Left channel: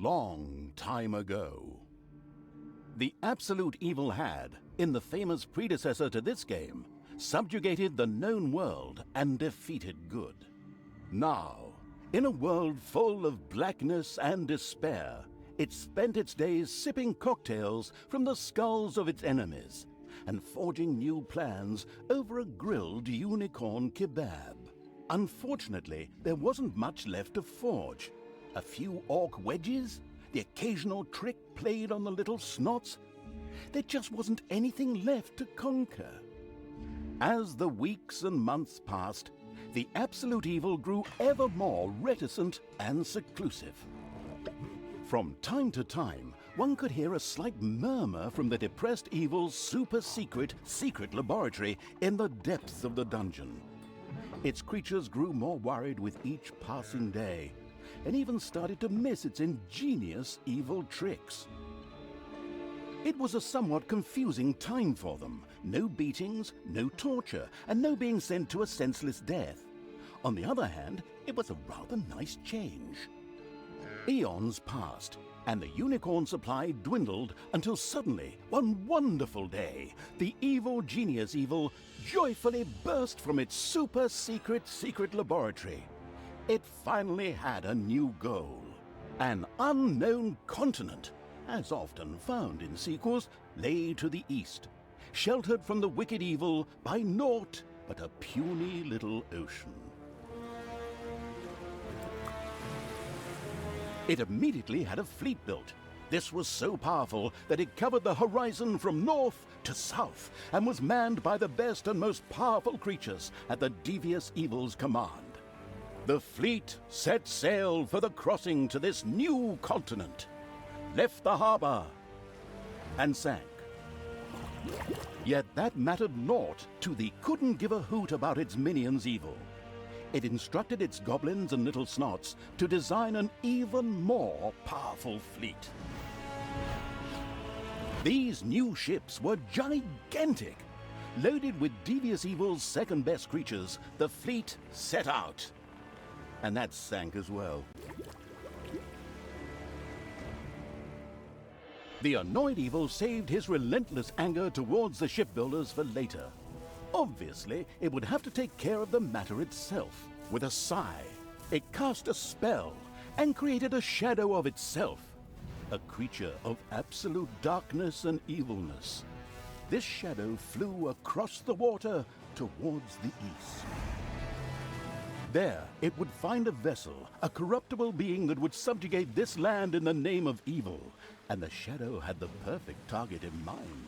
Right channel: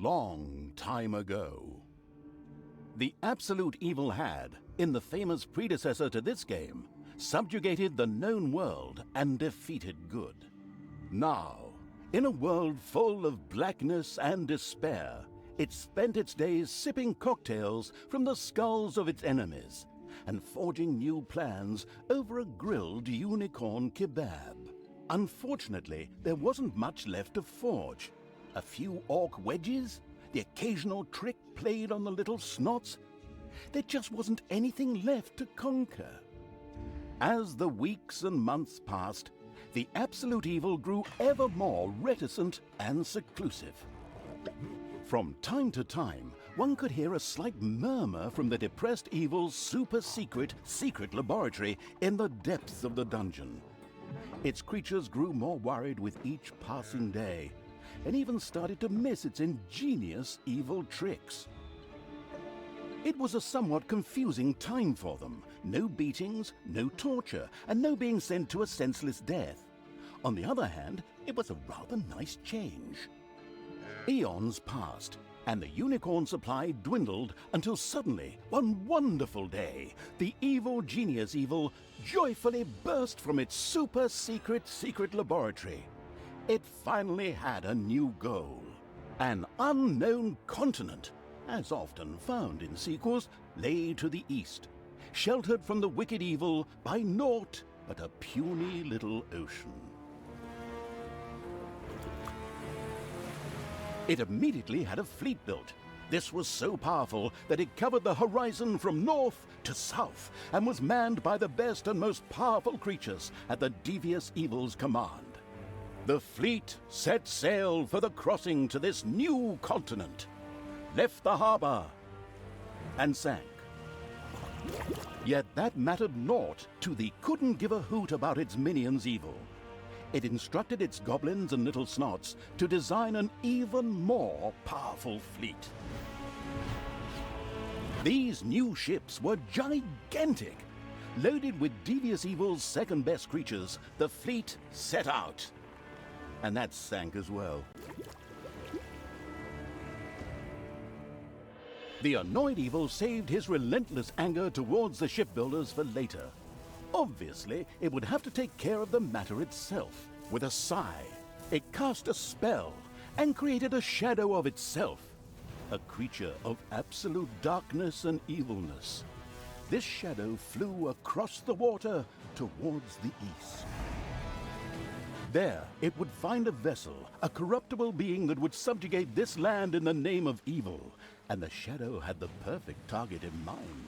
long time ago. The absolute evil had, in the famous predecessor to this game, subjugated the known world and defeated good. Now, in a world full of blackness and despair, it spent its days sipping cocktails from the skulls of its enemies and forging new plans over a grilled unicorn kebab. Unfortunately, there wasn't much left to forge. A few orc wedges, the occasional trick played on the little snots. There just wasn't anything left to conquer. As the weeks and months passed, the absolute evil grew ever more reticent and seclusive. From time to time, one could hear a slight murmur from the depressed evil's super-secret laboratory in the depths of the dungeon. Its creatures grew more worried with each passing day, and even started to miss its ingenious evil tricks. It was a somewhat confusing time for them. No beatings, no torture, and no being sent to a senseless death. On the other hand, it was a rather nice change. Eons passed, and the unicorn supply dwindled until suddenly, one wonderful day, the evil genius evil joyfully burst from its super-secret laboratory. It finally had a new goal. An unknown continent, as often found in sequels, lay to the east, sheltered from the wicked evil by naught but a puny little ocean. It immediately had a fleet built. This was so powerful that it covered the horizon from north to south and was manned by the best and most powerful creatures at the devious evil's command. The fleet set sail for the crossing to this new continent, left the harbor, and sank. Yet that mattered naught to the couldn't give a hoot about its minions' evil. It instructed its goblins and little snots to design an even more powerful fleet. These new ships were gigantic. Loaded with devious evil's second-best creatures, the fleet set out. And that sank as well. The annoyed evil saved his relentless anger towards the shipbuilders for later. Obviously, it would have to take care of the matter itself. With a sigh, it cast a spell and created a shadow of itself, a creature of absolute darkness and evilness. This shadow flew across the water towards the east. There, it would find a vessel, a corruptible being that would subjugate this land in the name of evil, and the shadow had the perfect target in mind.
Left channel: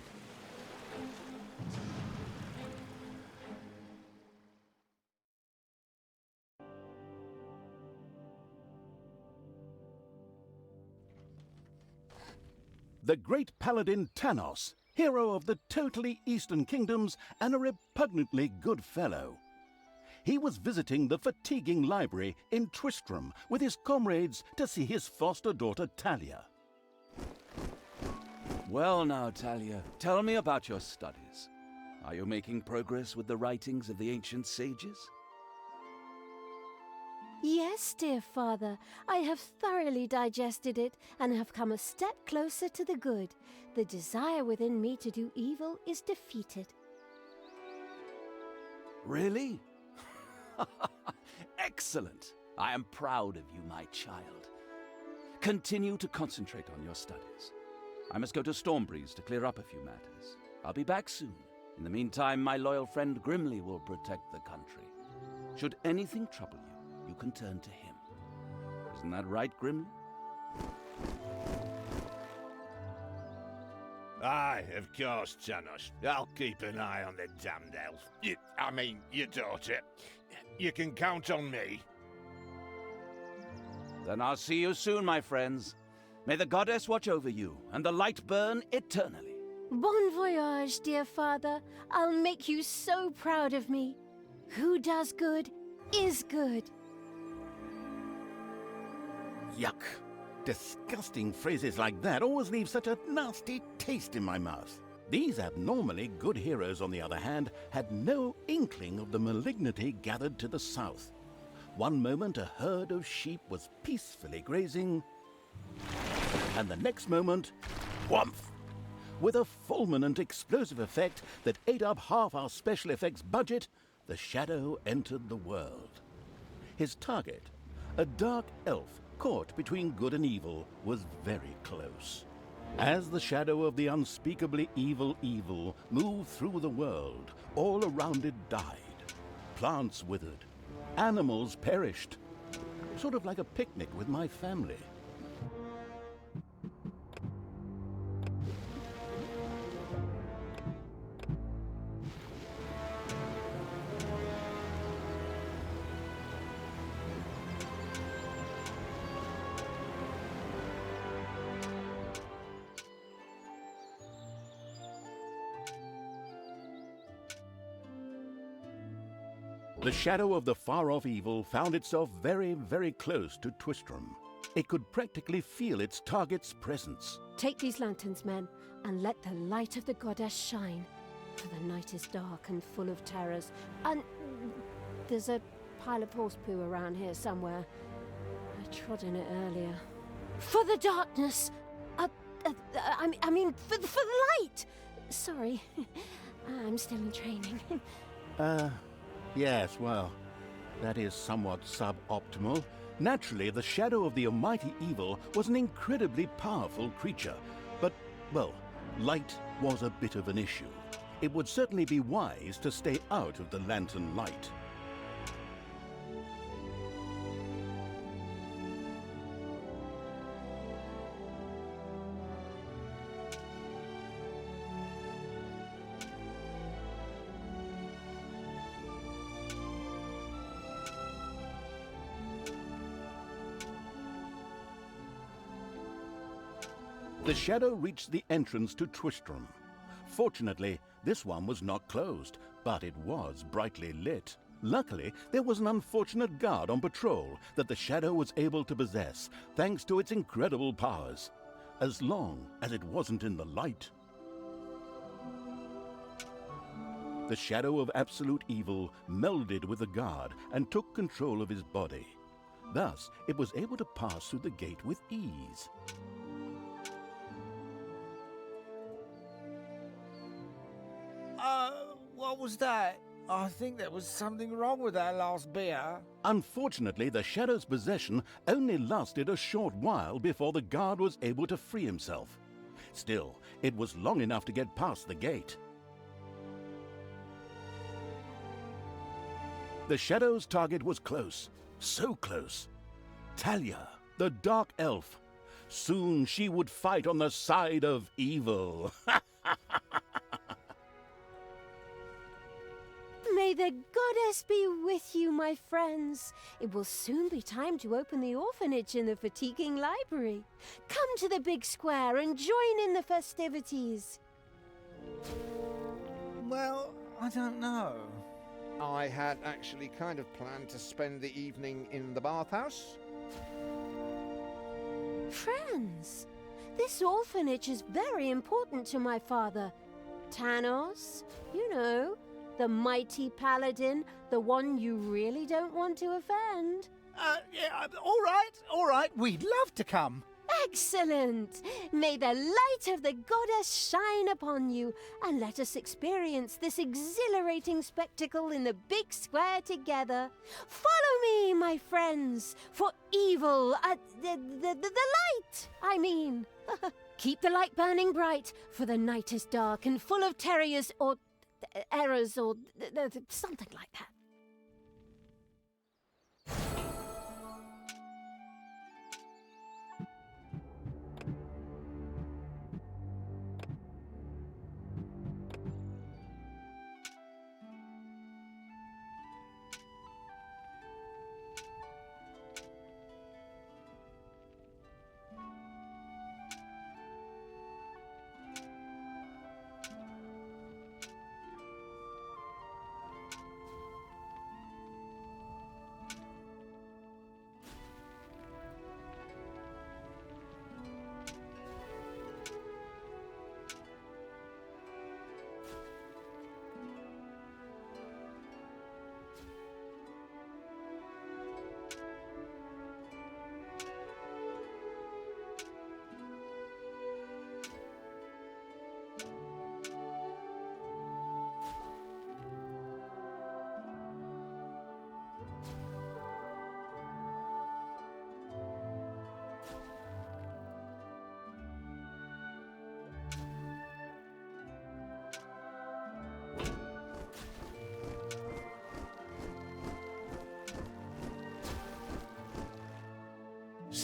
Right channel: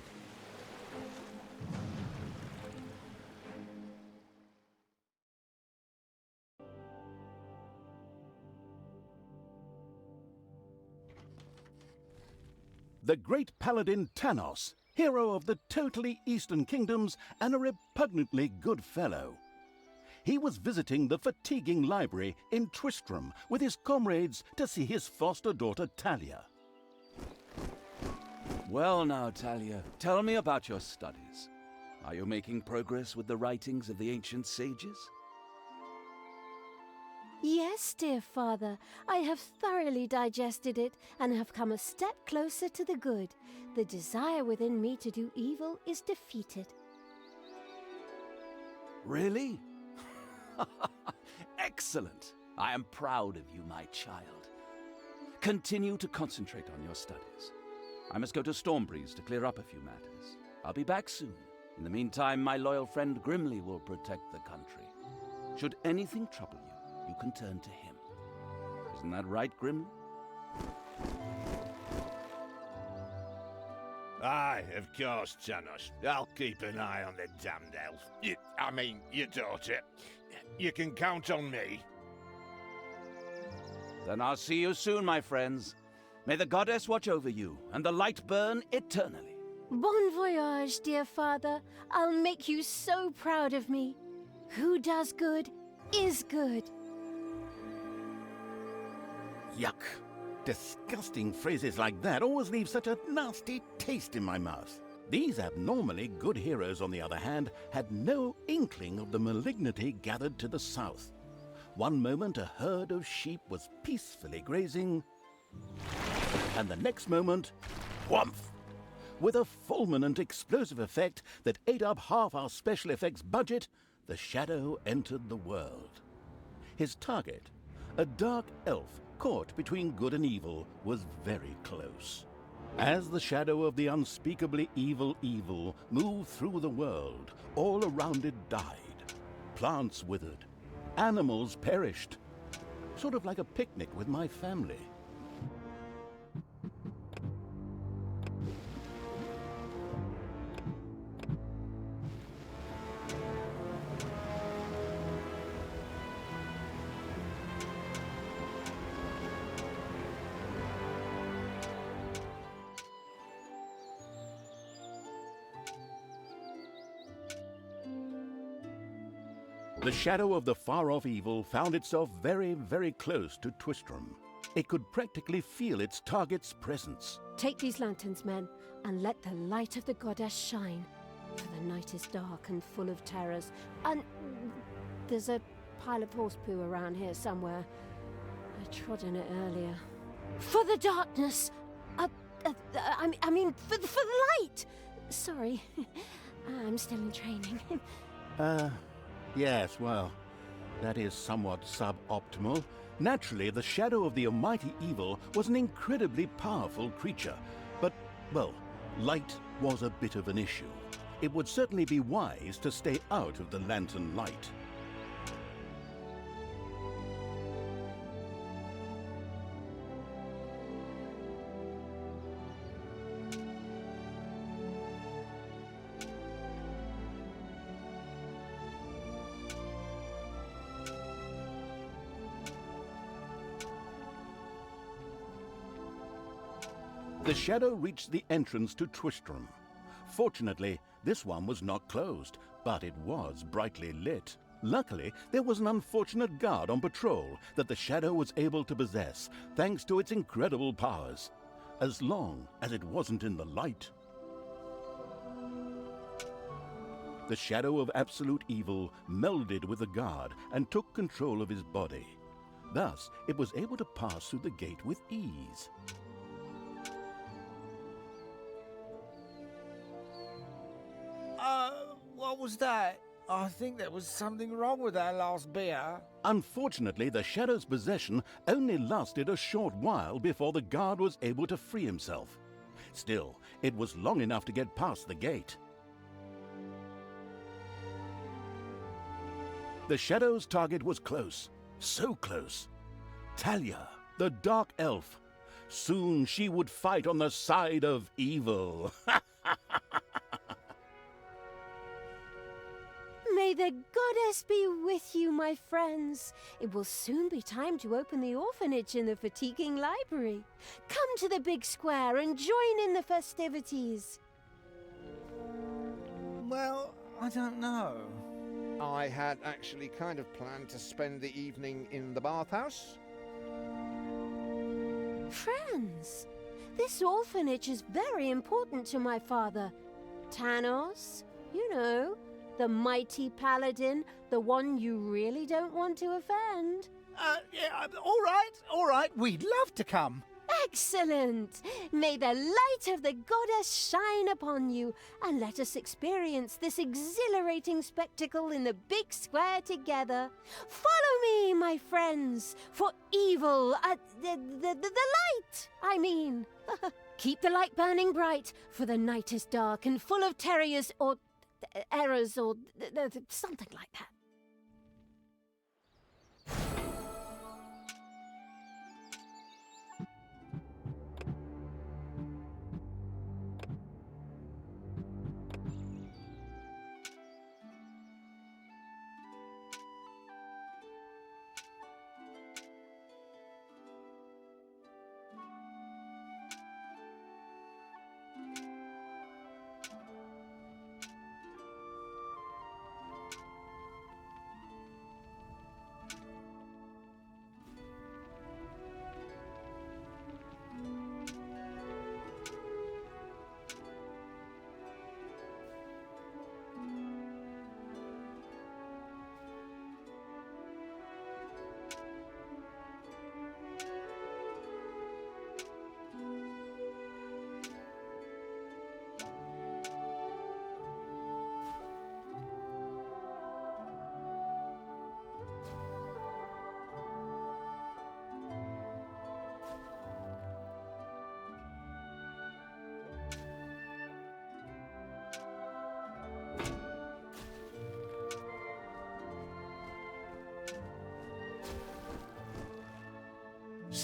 The great paladin Tanos, hero of the totally Eastern Kingdoms and a repugnantly good fellow. He was visiting the fatiguing library in Twistram with his comrades to see his foster daughter Talia. Well now, Talia, tell me about your studies. Are you making progress with the writings of the ancient sages? Yes, dear father, I have thoroughly digested it and have come a step closer to the good. The desire within me to do evil is defeated. Really? Excellent! I am proud of you, my child. Continue to concentrate on your studies. I must go to Stormbreeze to clear up a few matters. I'll be back soon. In the meantime, my loyal friend Grimly will protect the country. Should anything trouble you, you can turn to him. Isn't that right, Grimly? Aye, of course, Tanos. I'll keep an eye on the damned elf. Your daughter. You can count on me. Then I'll see you soon, my friends. May the goddess watch over you, and the light burn eternally. Bon voyage, dear father. I'll make you so proud of me. Who does good is good. Yuck! Disgusting phrases like that always leave such a nasty taste in my mouth. These abnormally good heroes, on the other hand, had no inkling of the malignity gathered to the south. One moment a herd of sheep was peacefully grazing, And the next moment, whumph! With a fulminant explosive effect that ate up half our special effects budget, the shadow entered the world. His target, a dark elf caught between good and evil, was very close. As the shadow of the unspeakably evil moved through the world, all around it died. Plants withered. Animals perished. Sort of like a picnic with my family. The shadow of the far-off evil found itself very, very close to Twistram. It could practically feel its target's presence. Take these lanterns, men, and let the light of the goddess shine. For the night is dark and full of terrors. And there's a pile of horse poo around here somewhere. I trod in it earlier. For the darkness! I mean, for the light! Sorry, I'm still in training. Yes, well, that is somewhat suboptimal. Naturally, the shadow of the almighty evil was an incredibly powerful creature. But, well, light was a bit of an issue. It would certainly be wise to stay out of the lantern light. The shadow reached the entrance to Twistram. Fortunately, this one was not closed, but it was brightly lit. Luckily, there was an unfortunate guard on patrol that the shadow was able to possess, thanks to its incredible powers, as long as it wasn't in the light. The shadow of absolute evil melded with the guard and took control of his body. Thus, it was able to pass through the gate with ease. What was that? I think there was something wrong with that last beer. Unfortunately, the shadow's possession only lasted a short while before the guard was able to free himself. Still, it was long enough to get past the gate. The shadow's target was close, so close. Talia, the dark elf. Soon she would fight on the side of evil. May the goddess be with you, my friends. It will soon be time to open the orphanage in the fatiguing library. Come to the big square and join in the festivities. Well, I don't know. I had actually kind of planned to spend the evening in the bathhouse. Friends, this orphanage is very important to my father. Tanos, you know, the mighty paladin, the one you really don't want to offend. Yeah, all right, we'd love to come. Excellent! May the light of the goddess shine upon you, and let us experience this exhilarating spectacle in the big square together. Follow me, my friends, for evil, the light, I mean. Keep the light burning bright, for the night is dark and full of terrors or errors or something like that.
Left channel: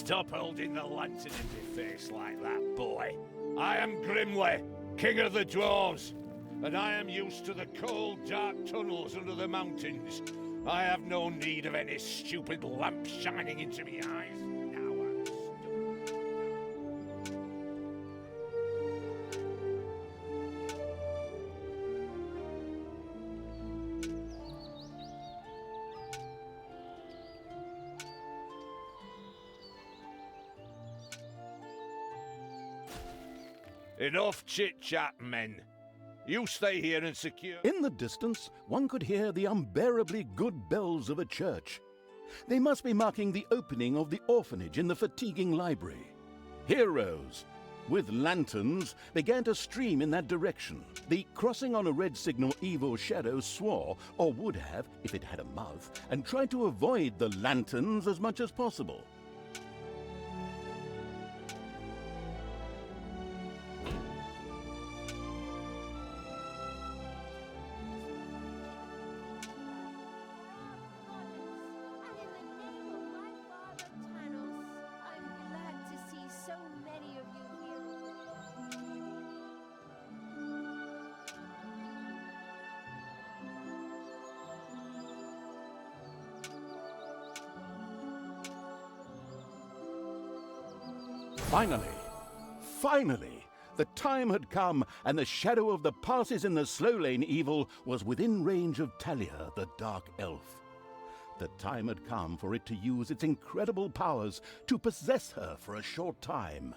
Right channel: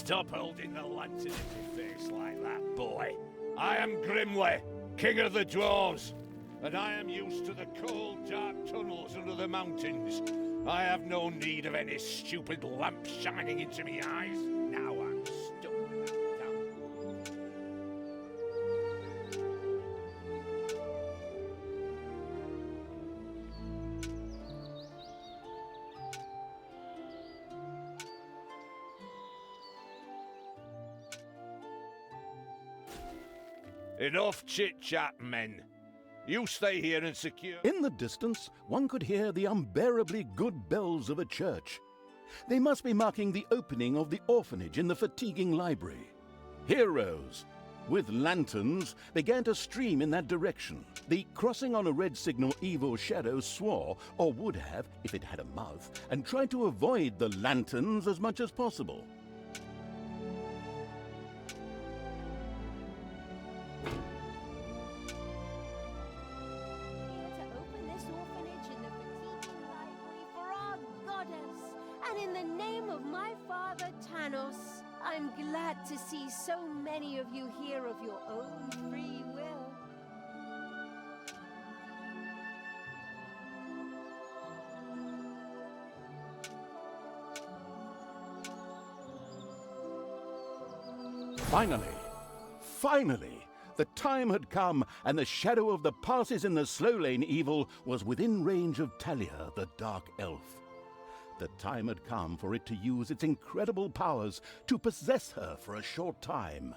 Stop holding the lantern in your face like that, boy. I am Grimly, king of the dwarves, and I am used to the cold, dark tunnels under the mountains. I have no need of any stupid lamp shining into me eyes. Now I'm stuck. Enough chit-chat, men. You stay here and secure... In the distance, one could hear the unbearably good bells of a church. They must be marking the opening of the orphanage in the fatiguing library. Heroes, with lanterns, began to stream in that direction. The crossing on a red signal evil shadow swore, or would have if it had a mouth, and tried to avoid the lanterns as much as possible. I'm glad to see so many of you here of your own free will. Finally, the time had come, and the shadow of the passes in the slow lane evil was within range of Talia, the Dark Elf. The time had come for it to use its incredible powers to possess her for a short time.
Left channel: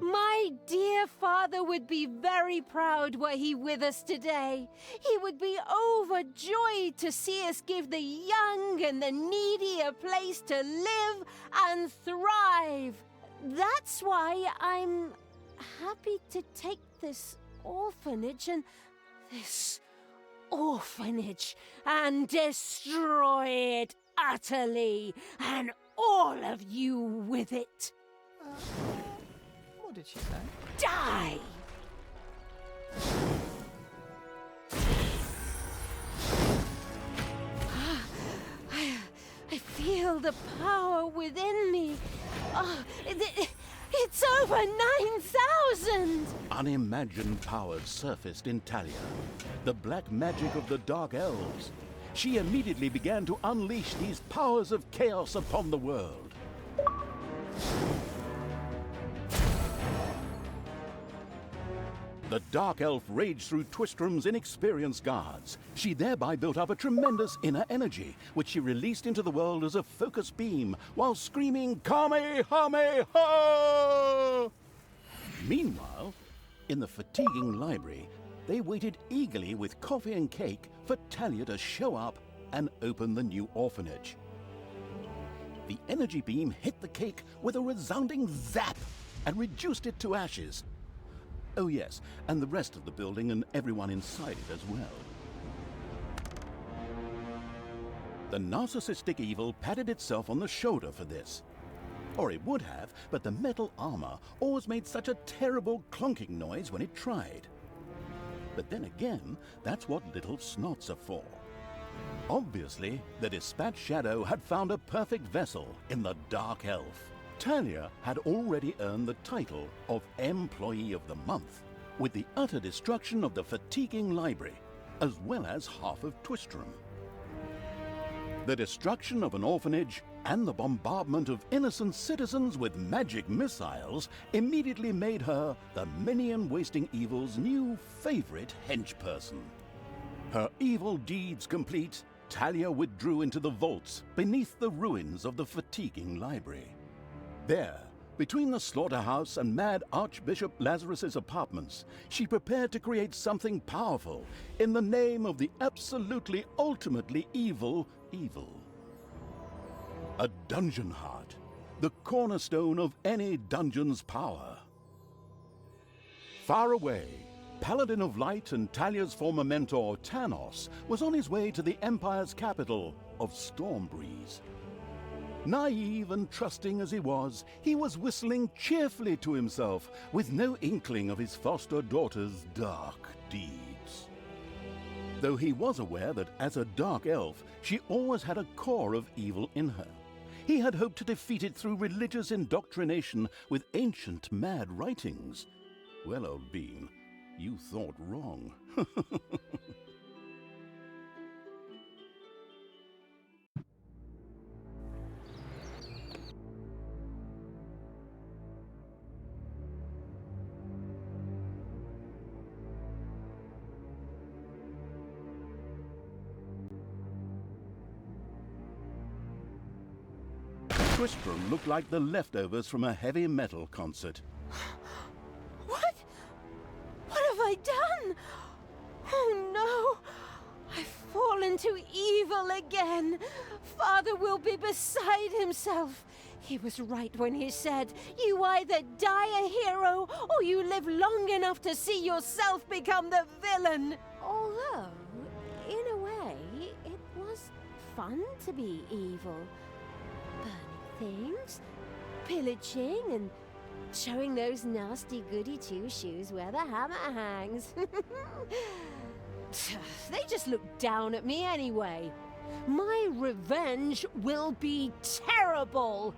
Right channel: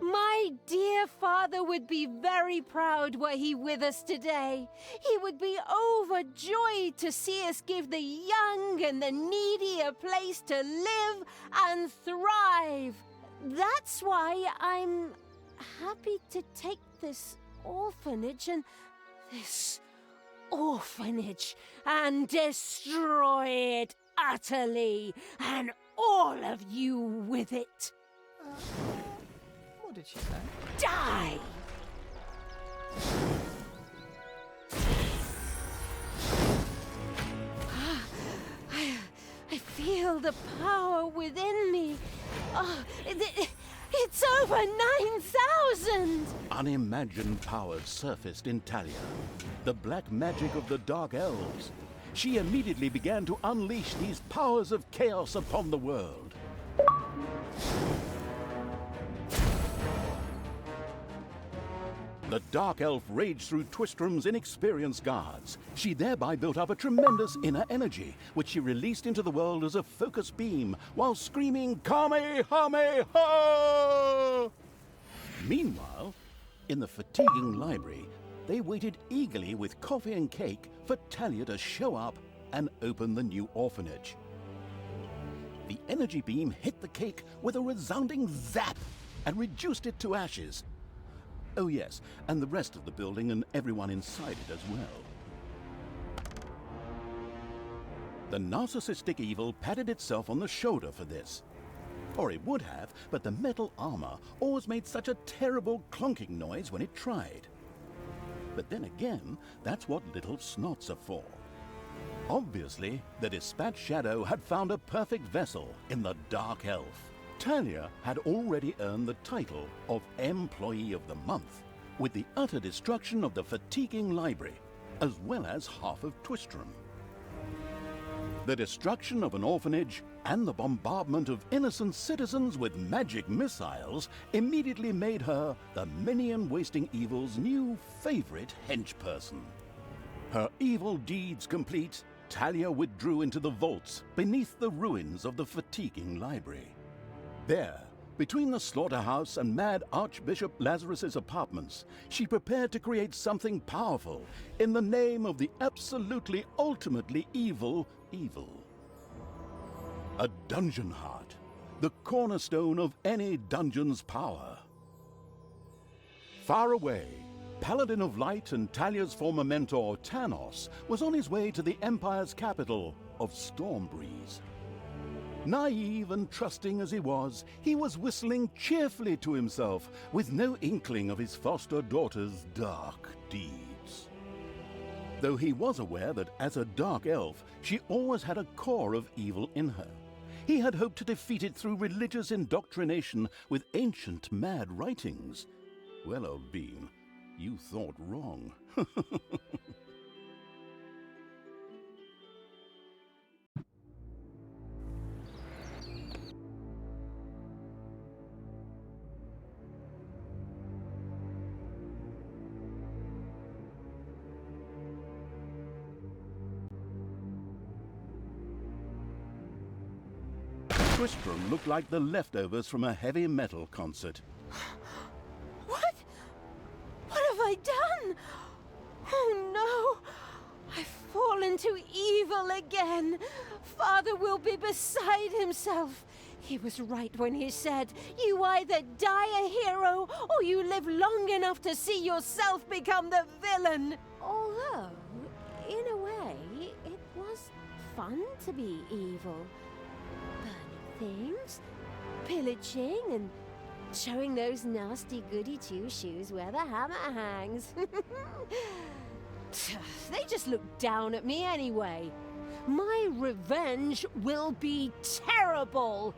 My dear father would be very proud were he with us today. He would be overjoyed to see us give the young and the needy a place to live and thrive. That's why I'm happy to take this orphanage and destroy it utterly, and all of you with it. What did she say? Die! I feel the power within me. Oh, it's over 9,000! Unimagined powers surfaced in Talia, the black magic of the Dark Elves. She immediately began to unleash these powers of chaos upon the world. The Dark Elf raged through Twistrom's inexperienced guards. She thereby built up a tremendous inner energy, which she released into the world as a focused beam, while screaming, Kamehameha! Meanwhile, in the fatiguing library, they waited eagerly with coffee and cake for Talia to show up and open the new orphanage. The energy beam hit the cake with a resounding zap and reduced it to ashes. Oh yes, and the rest of the building and everyone inside it as well. The narcissistic evil patted itself on the shoulder for this. Or it would have, but the metal armor always made such a terrible clunking noise when it tried. But then again, that's what little snots are for. Obviously, the Dispatch Shadow had found a perfect vessel in the Dark Elf. Talia had already earned the title of Employee of the Month, with the utter destruction of the fatiguing library, as well as half of Twistrom. The destruction of an orphanage and the bombardment of innocent citizens with magic missiles immediately made her the minion-wasting evil's new favorite henchperson. Her evil deeds complete, Talia withdrew into the vaults beneath the ruins of the fatiguing library. There, between the slaughterhouse and Mad Archbishop Lazarus's apartments, she prepared to create something powerful in the name of the absolutely ultimately evil. A dungeon heart, the cornerstone of any dungeon's power. Far away, Paladin of Light and Talia's former mentor, Tanos, was on his way to the Empire's capital of Stormbreeze. Naive and trusting as he was whistling cheerfully to himself, with no inkling of his foster daughter's dark deeds. though he was aware that as a dark elf, she always had a core of evil in her. He had hoped to defeat it through religious indoctrination with ancient mad writings. Well, old bean, you thought wrong. Tristram looked like the leftovers from a heavy metal concert. What? What have I done? Oh no! I've fallen to evil again. Father will be beside himself. He was right when he said, you either die a hero or you live long enough to see yourself become the villain. Although, in a way, it was fun to be evil. Burning things, pillaging, and showing those nasty goody two-shoes where the hammer hangs. They just look down at me anyway. My revenge will be terrible.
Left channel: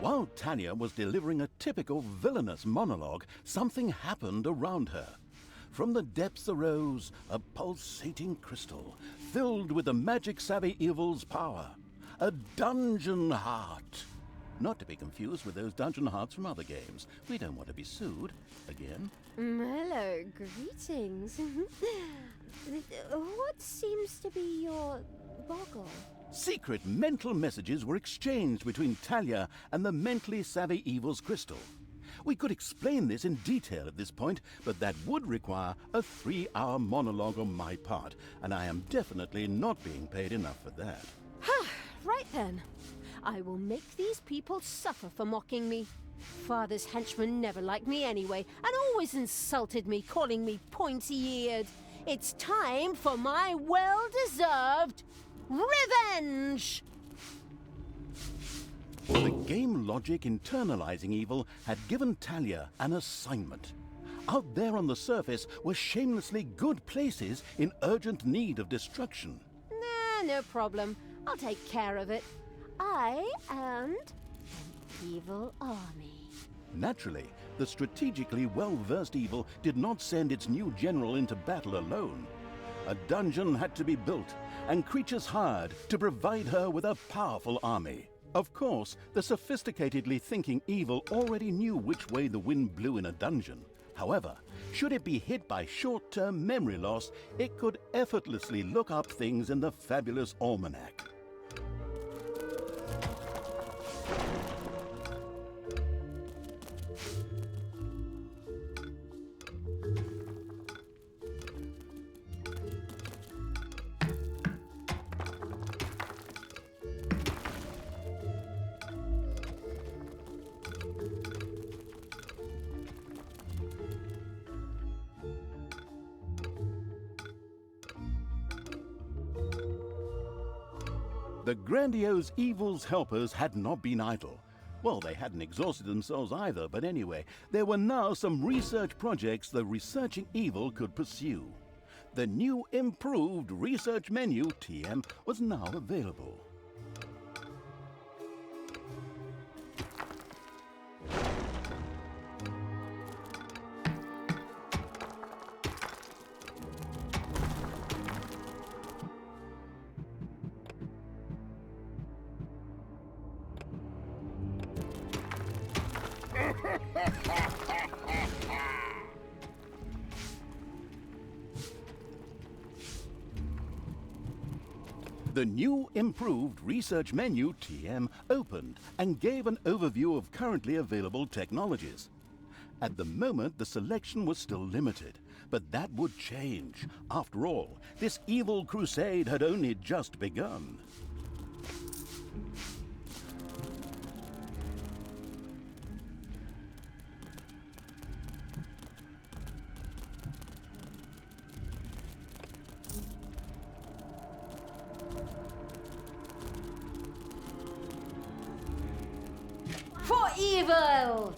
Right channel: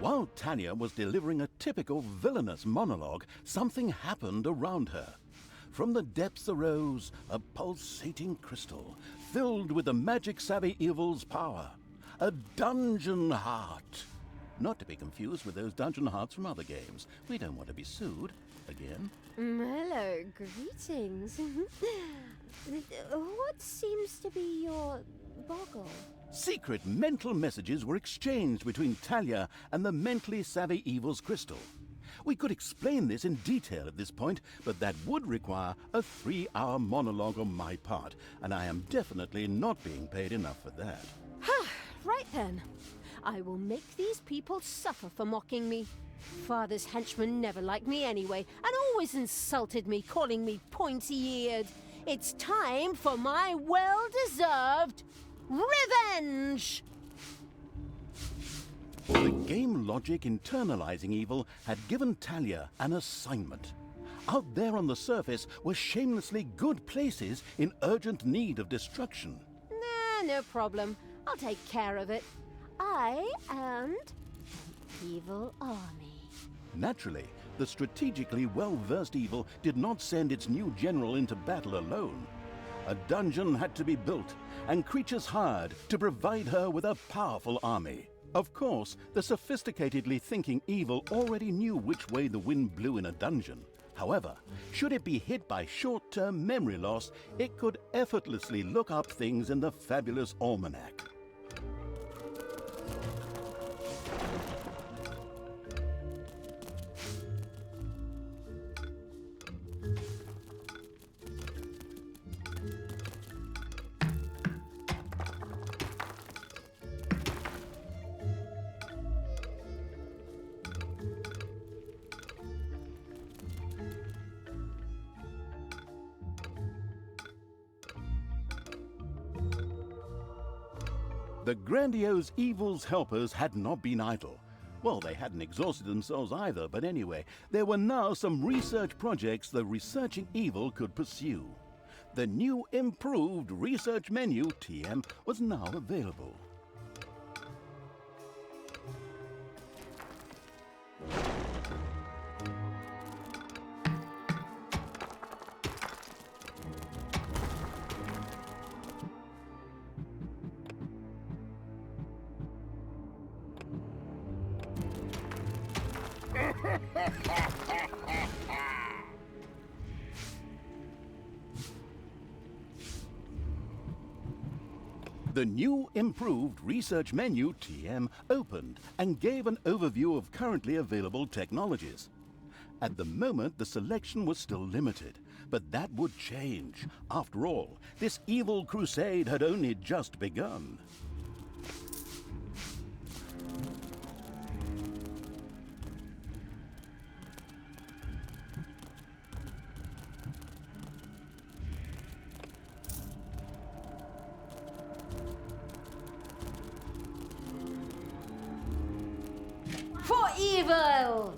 While Talia was delivering a typical villainous monologue, something happened around her. From the depths arose a pulsating crystal, filled with the magic-savvy evil's power. A dungeon heart. Not to be confused with those dungeon hearts from other games. We don't want to be sued again. Hello, greetings. What seems to be your boggle? Secret mental messages were exchanged between Talia and the mentally savvy evil's crystal. We could explain this in detail at this point, but that would require a 3-hour monologue on my part, and I am definitely not being paid enough for that. Right then. I will make these people suffer for mocking me. Father's henchmen never liked me anyway, and always insulted me, calling me pointy-eared. It's time for my well-deserved revenge! The game logic internalizing evil had given Talia an assignment. Out there on the surface were shamelessly good places in urgent need of destruction. Nah, no problem. I'll take care of it. I and an evil army. Naturally, the strategically well-versed evil did not send its new general into battle alone. A dungeon had to be built, and creatures hired to provide her with a powerful army. Of course, the sophisticatedly thinking evil already knew which way the wind blew in a dungeon. However, should it be hit by short-term memory loss, it could effortlessly look up things in the fabulous almanac. The grandiose evil's helpers had not been idle. Well, they hadn't exhausted themselves either, but anyway, there were now some research projects the researching evil could pursue. The new improved research menu, TM, was now available. The new improved research menu, TM, opened and gave an overview of currently available technologies. At the moment, the selection was still limited, but that would change. After all, this evil crusade had only just begun. For evil!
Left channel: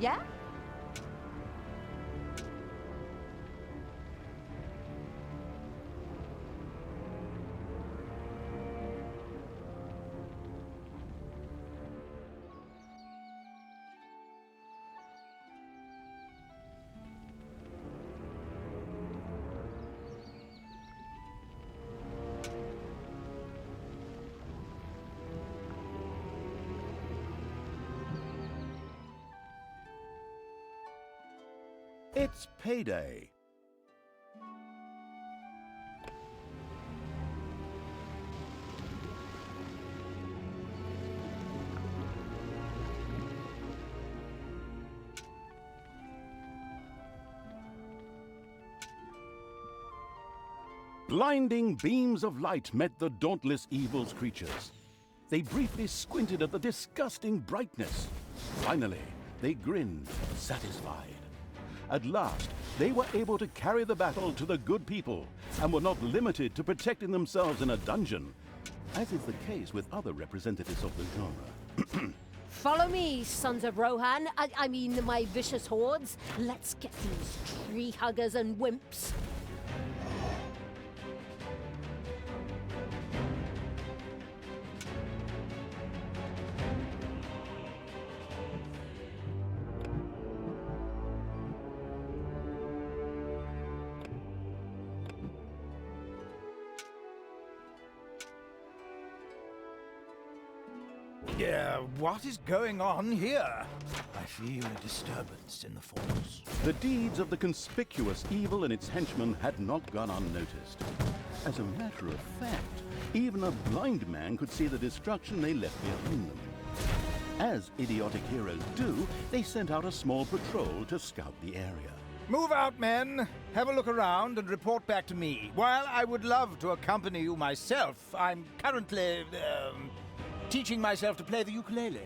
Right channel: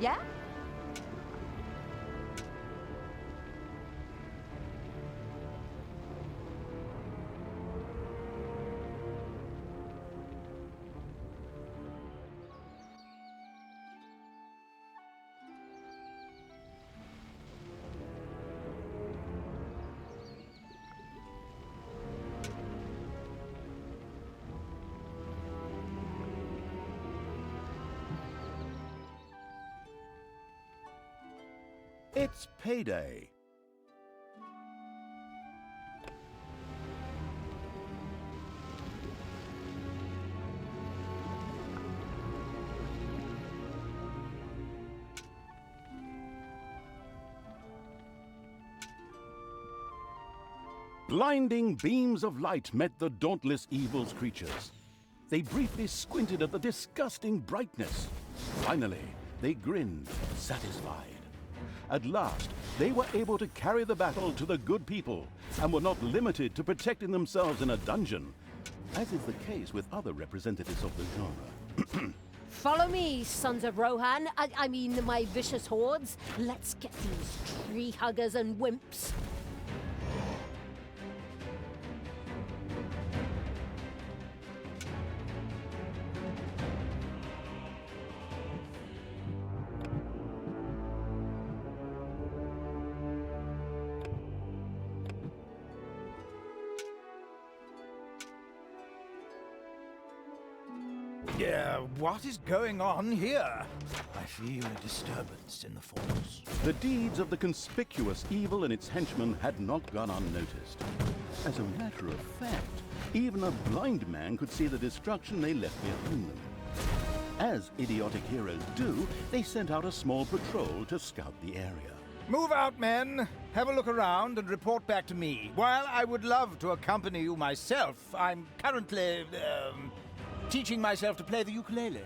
Yeah? It's payday. Blinding beams of light met the dauntless evil's creatures. They briefly squinted at the disgusting brightness. Finally, they grinned, satisfied. At last, they were able to carry the battle to the good people and were not limited to protecting themselves in a dungeon, as is the case with other representatives of the genre. Follow me, sons of Rohan. I mean, my vicious hordes. Let's get these tree huggers and wimps. What is going on here? I feel a disturbance in the force. The deeds of the conspicuous evil and its henchmen had not gone unnoticed. As a matter of fact, even a blind man could see the destruction they left behind them. As idiotic heroes do, they sent out a small patrol to scout the area. Move out, men. Have a look around and report back to me. While I would love to accompany you myself, I'm currently, teaching myself to play the ukulele.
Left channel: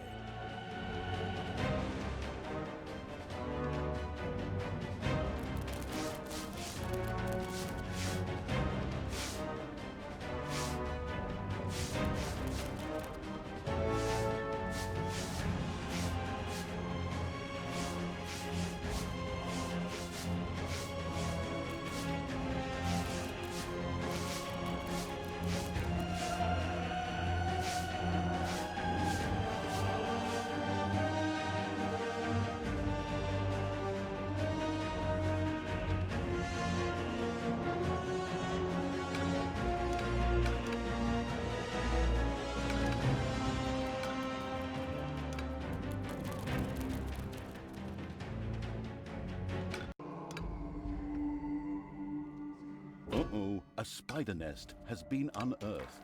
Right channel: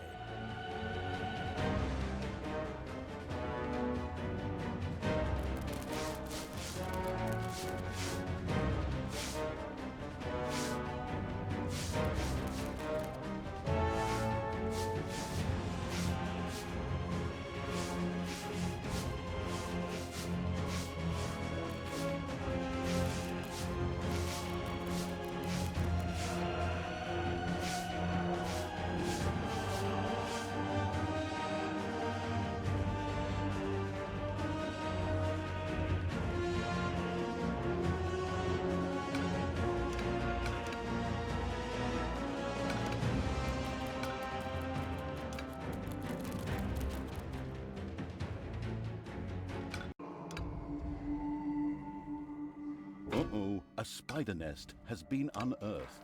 Uh-oh, a spider nest has been unearthed.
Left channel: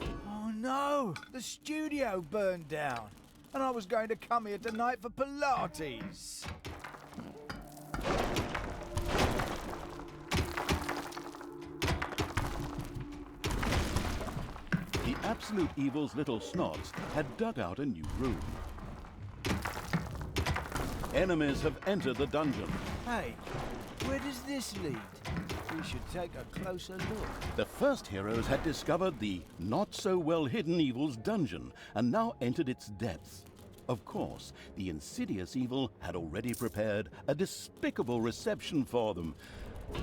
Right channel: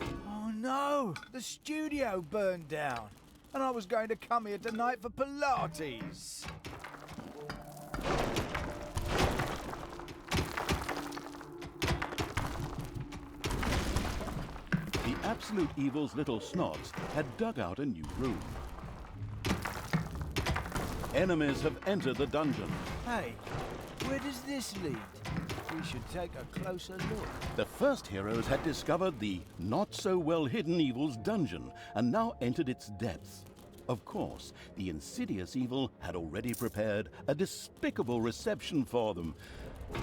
Oh no! The studio burned down. And I was going to come here tonight for Pilates. The Absolute Evil's little snots had dug out a new room. Enemies have entered the dungeon. Hey, where does this lead? We should take a closer look. The first heroes had discovered the not-so-well-hidden evil's dungeon and now entered its depths. Of course, the insidious evil had already prepared a despicable reception for them.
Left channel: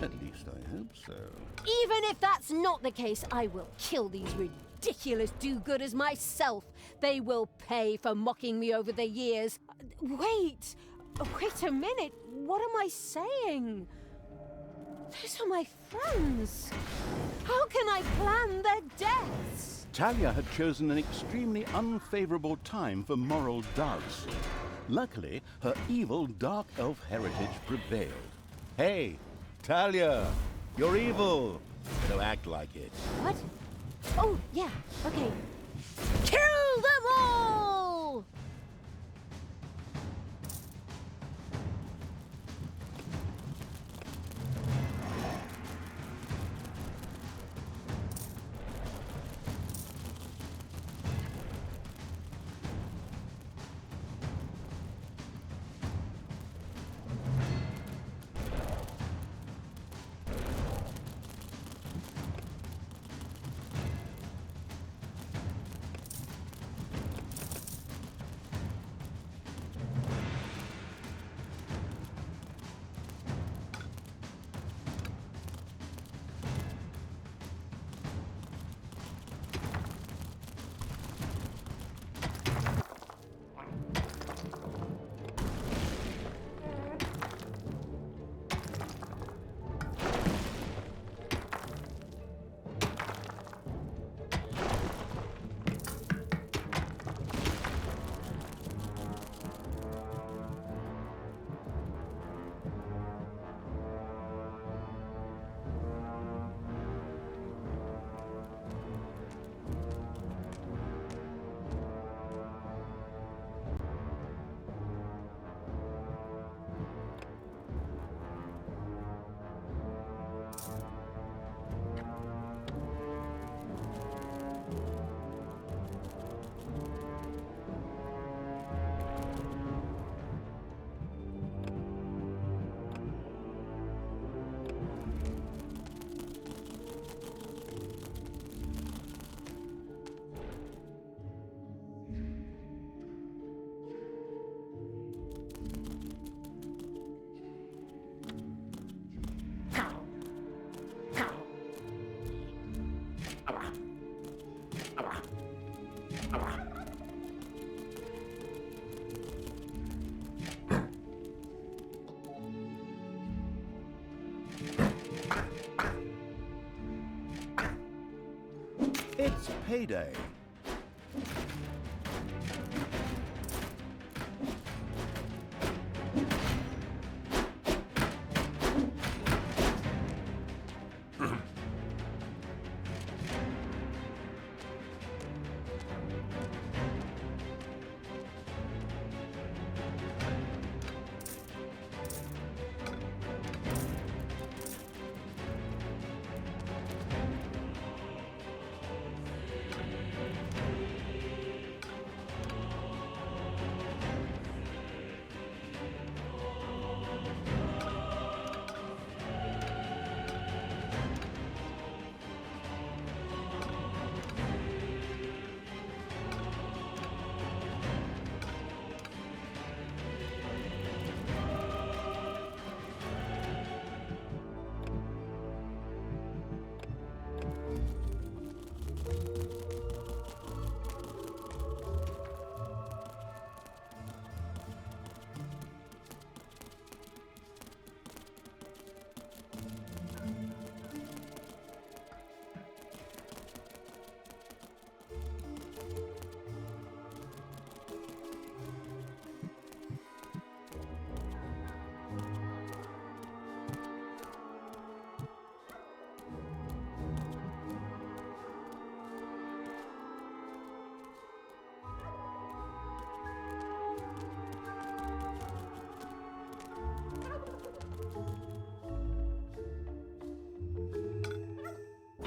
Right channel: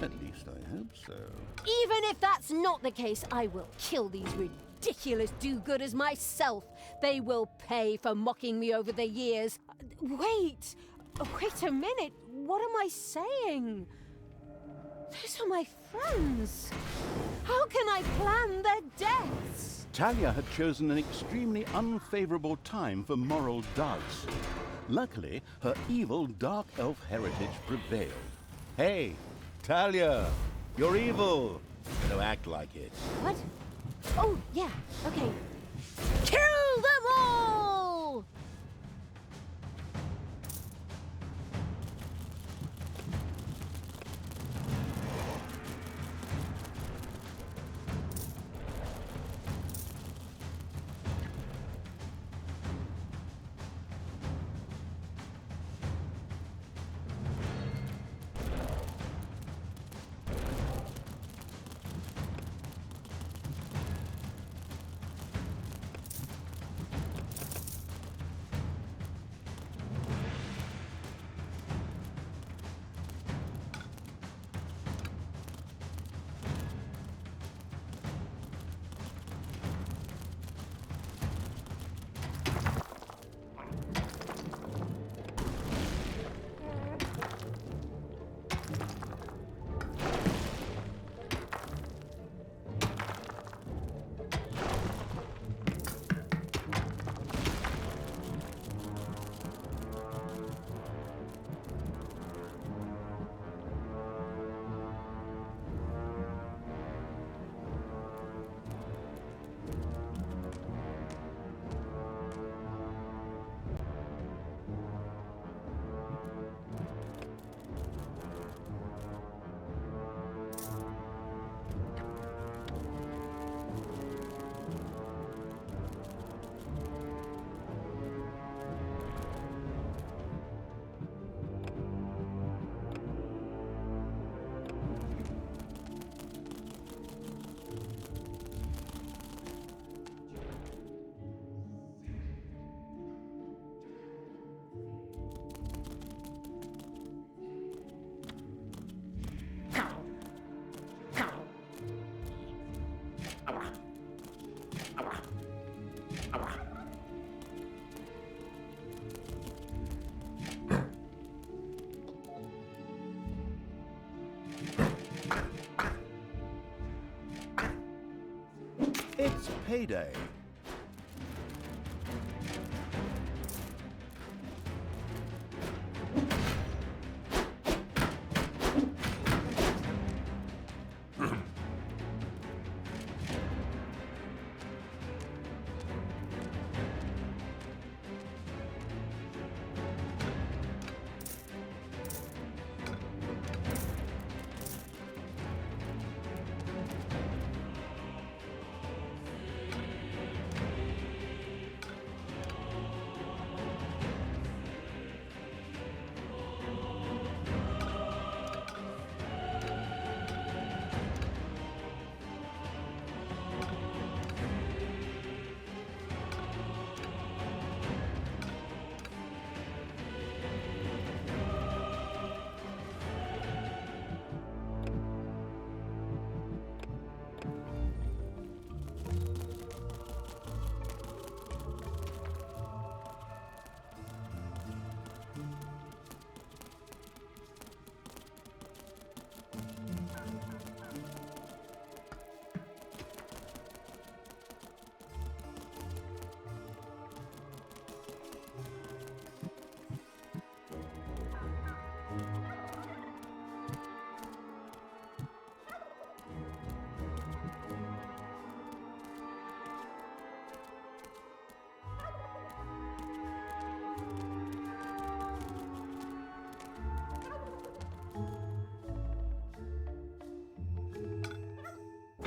At least I hope so. Even if that's not the case, I will kill these ridiculous do-gooders myself. They will pay for mocking me over the years. Wait a minute. What am I saying? Those are my friends. How can I plan their deaths? Talia had chosen an extremely unfavorable time for moral doubts. Luckily, her evil dark elf heritage prevailed. Hey, Talia, you're evil. Better act like it. What? Oh, yeah, okay. Kill them all! It's payday.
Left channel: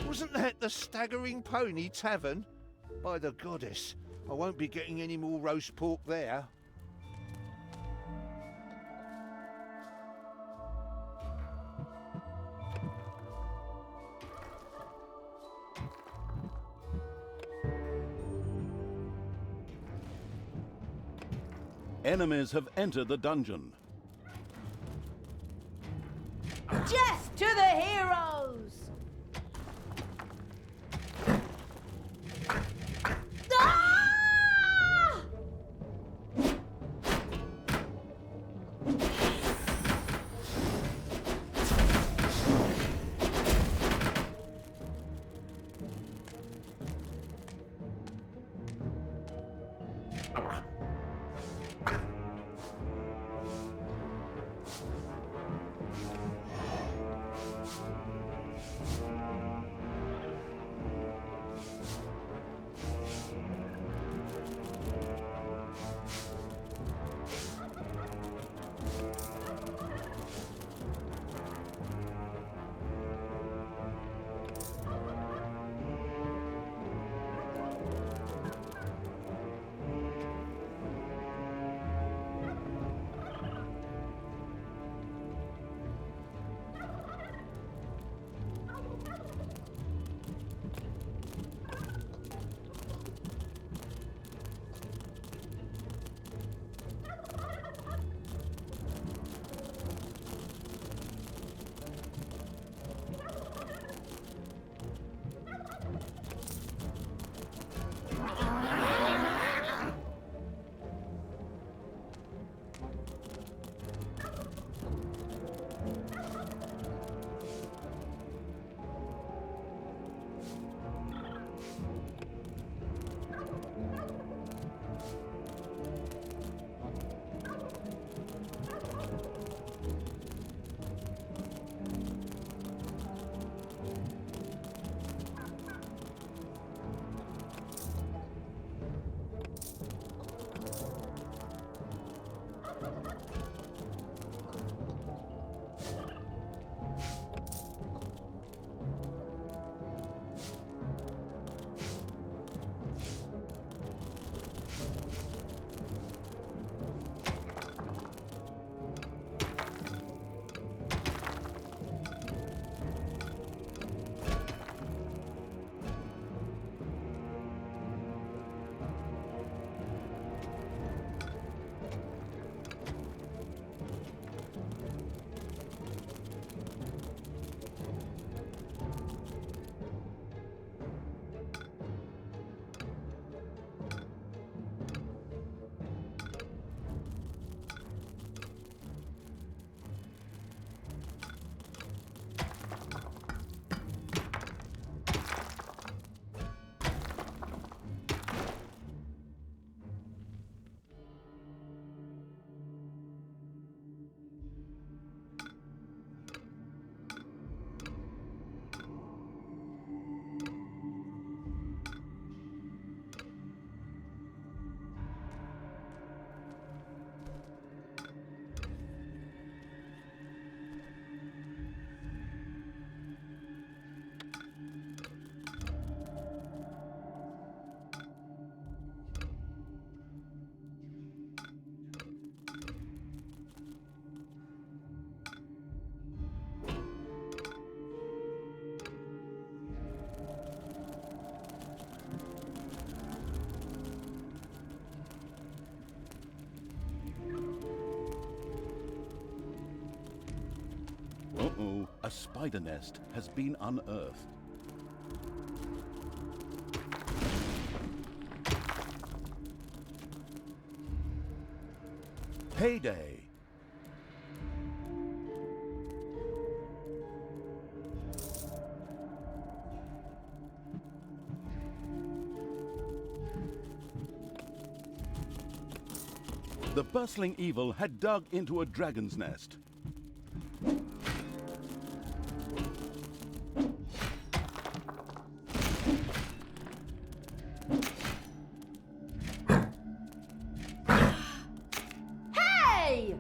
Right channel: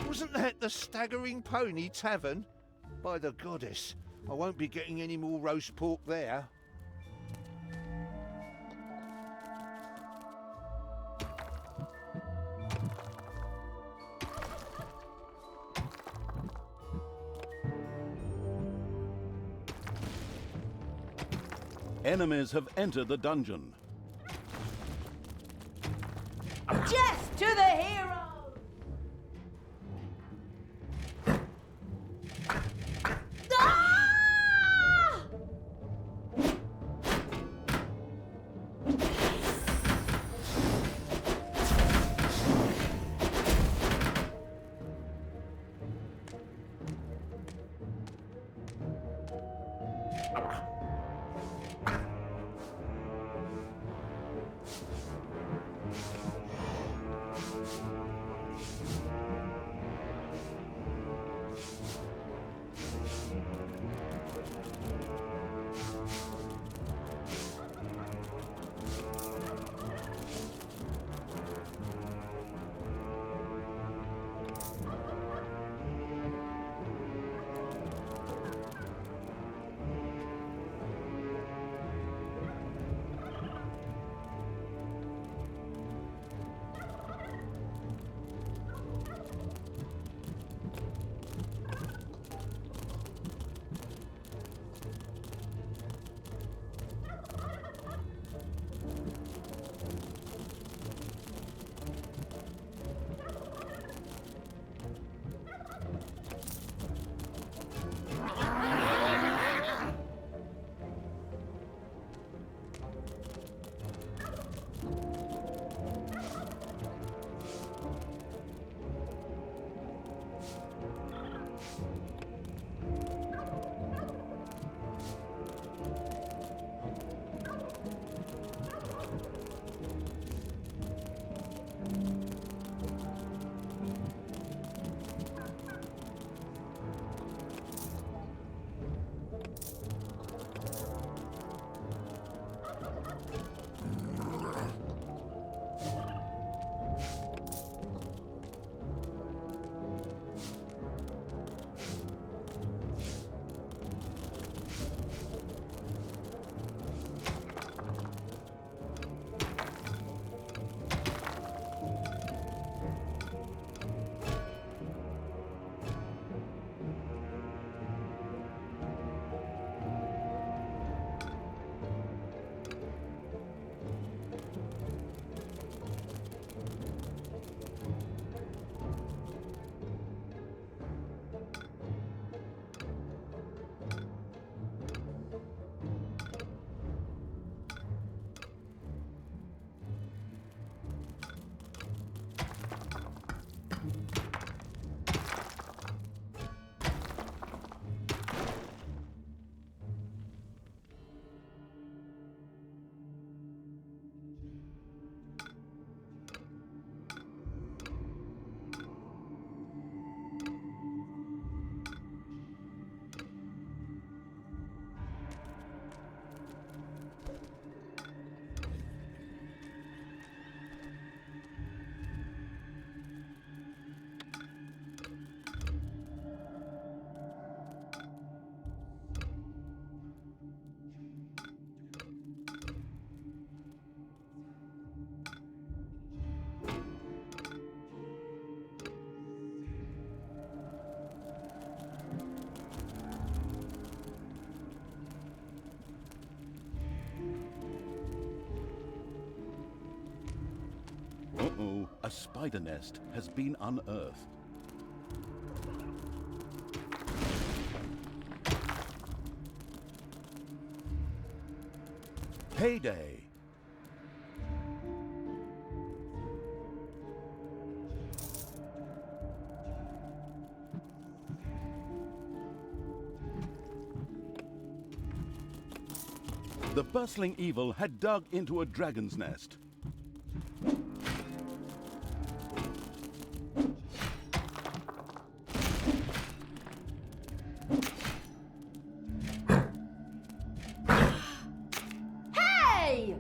Wasn't that the Staggering Pony Tavern? By the goddess, I won't be getting any more roast pork there. Enemies have entered the dungeon. Death to the heroes! Ah! A spider nest has been unearthed. Payday! The bustling evil had dug into a dragon's nest. Hey!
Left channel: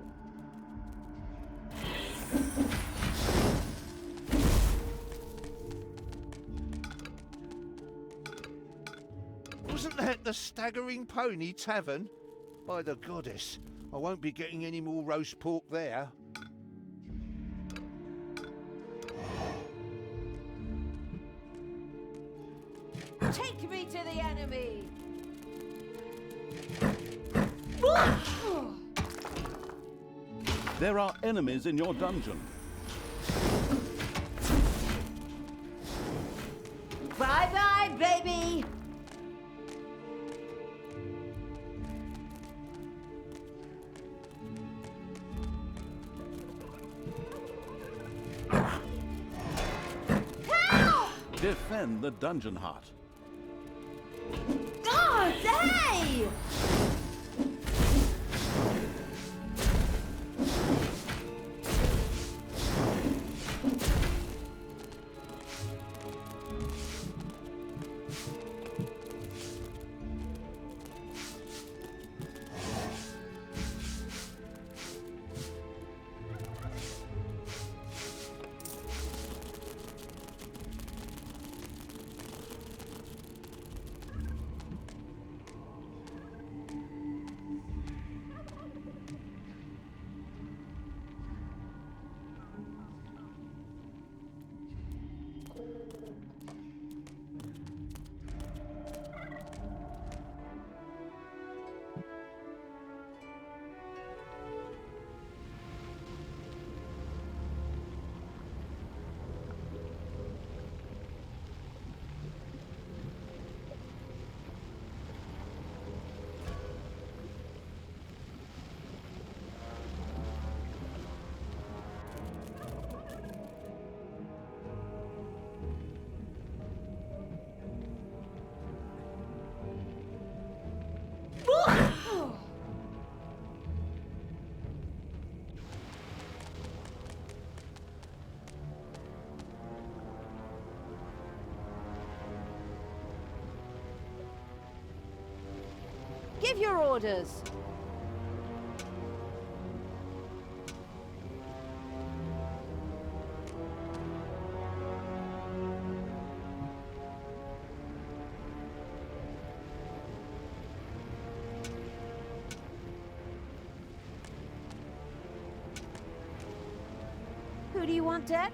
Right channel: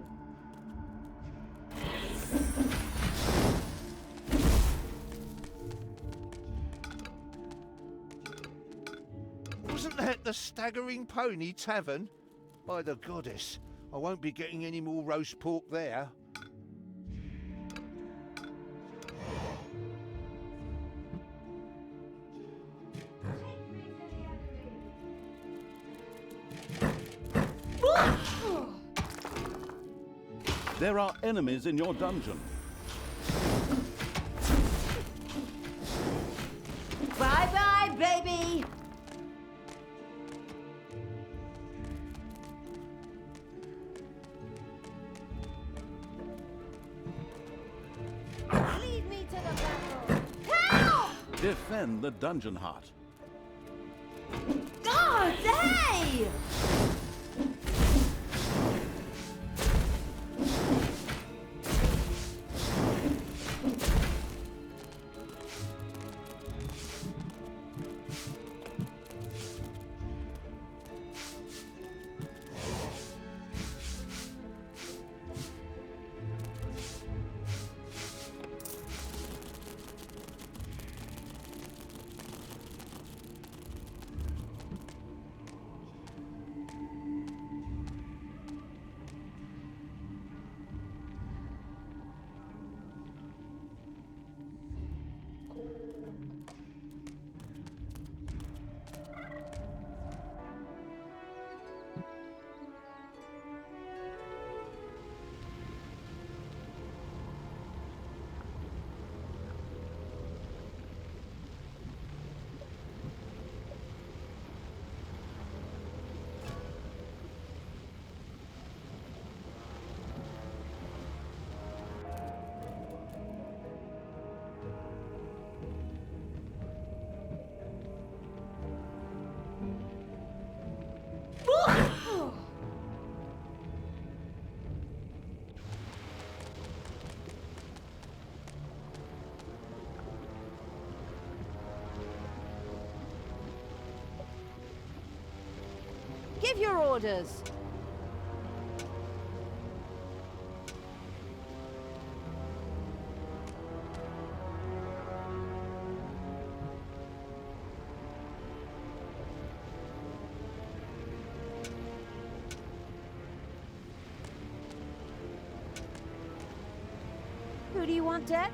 Wasn't that the Staggering Pony Tavern? By the goddess, I won't be getting any more roast pork there. Take me to the enemy! There are enemies in your dungeon. Bye-bye, baby! Lead me to the battle! Help! Defend the dungeon heart. God, hey! Give your orders. Who do you want dead?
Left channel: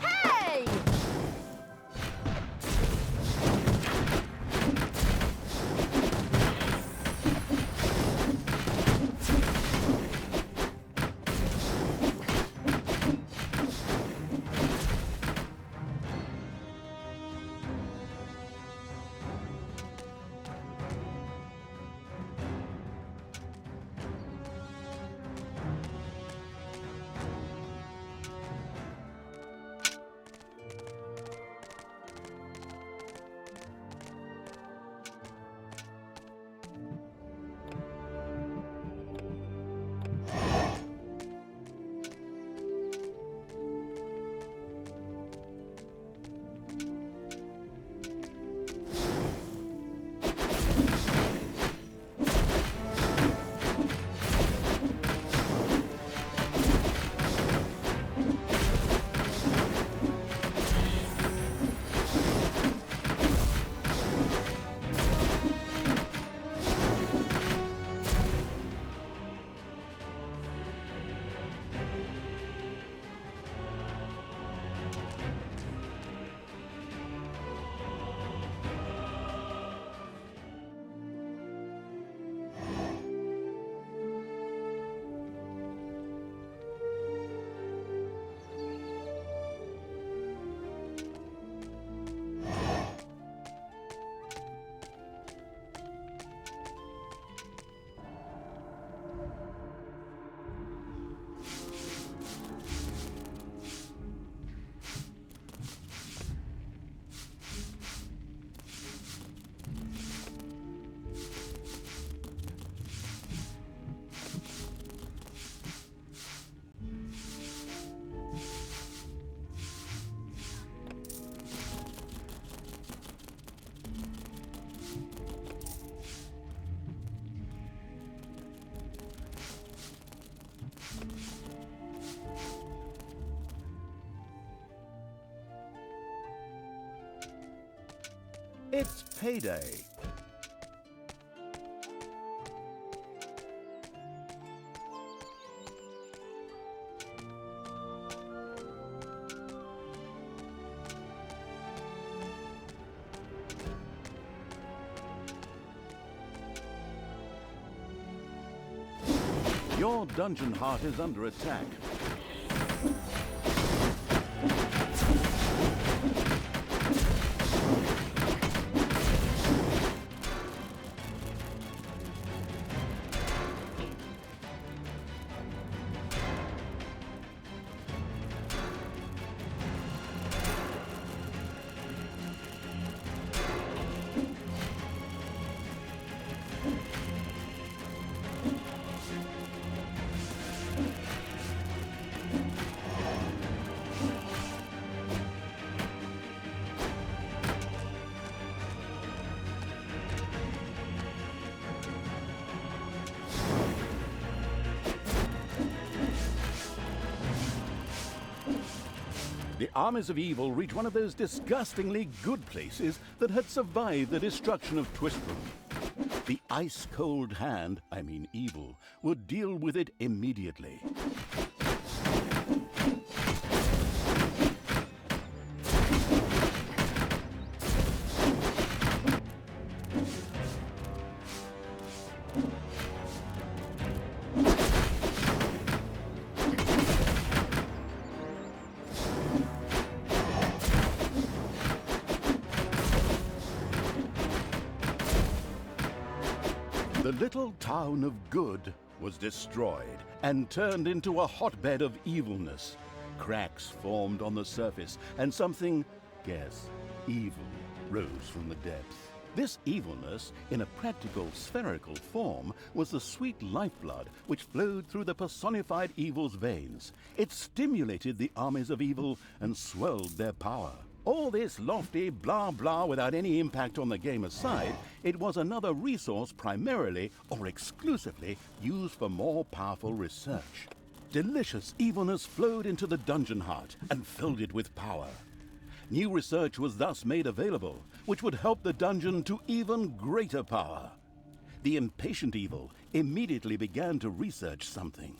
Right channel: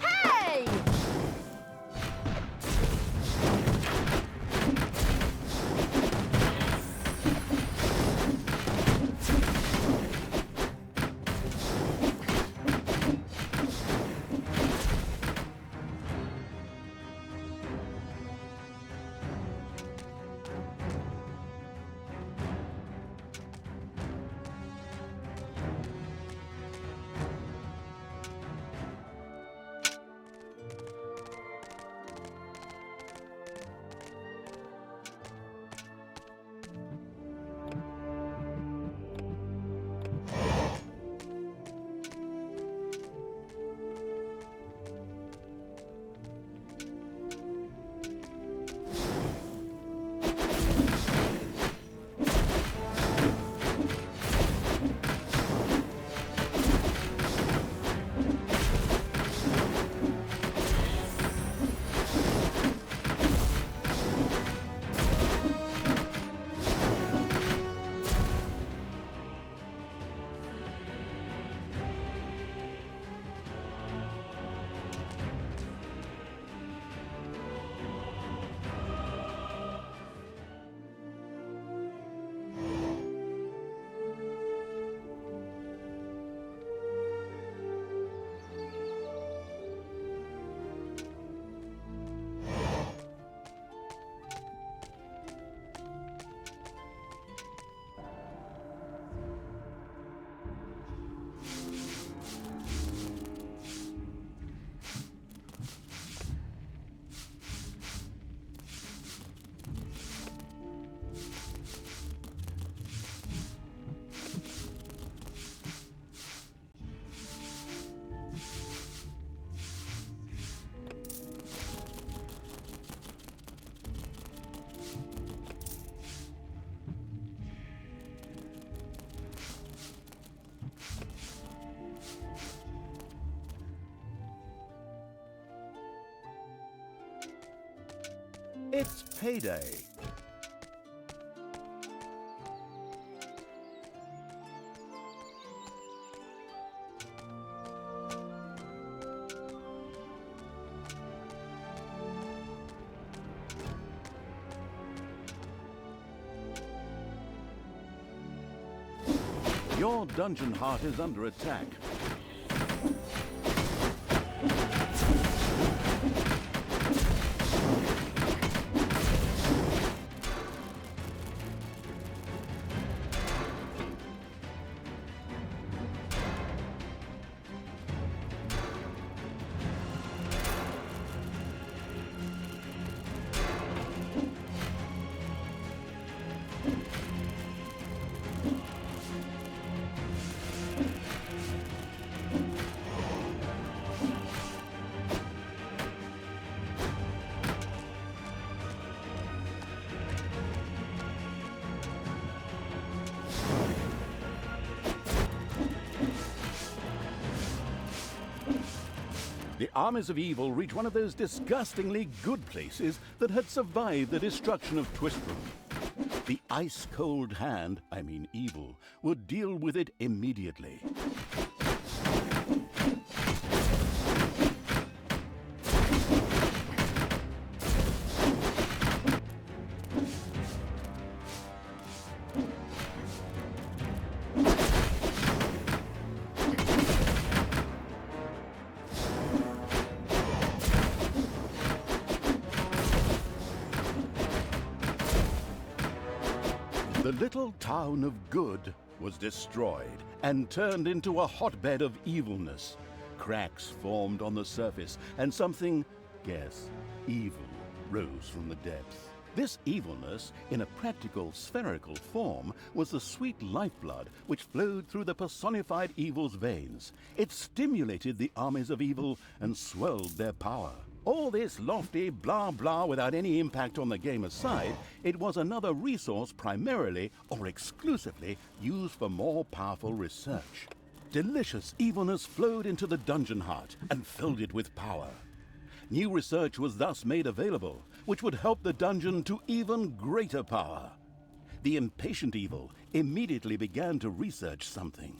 Hey! It's payday. Your dungeon heart is under attack. The armies of evil reach one of those disgustingly good places that had survived the destruction of Twistrum. The ice-cold hand, I mean evil, would deal with it immediately. The little town of Good was destroyed and turned into a hotbed of evilness. Cracks formed on the surface, and something, guess, evil, rose from the depths. This evilness, in a practical spherical form, was the sweet lifeblood which flowed through the personified evil's veins. It stimulated the armies of evil and swelled their power. All this lofty blah blah without any impact on the game aside, it was another resource primarily or exclusively used for more powerful research. Delicious evilness flowed into the dungeon heart and filled it with power. New research was thus made available, which would help the dungeon to even greater power. The impatient evil immediately began to research something.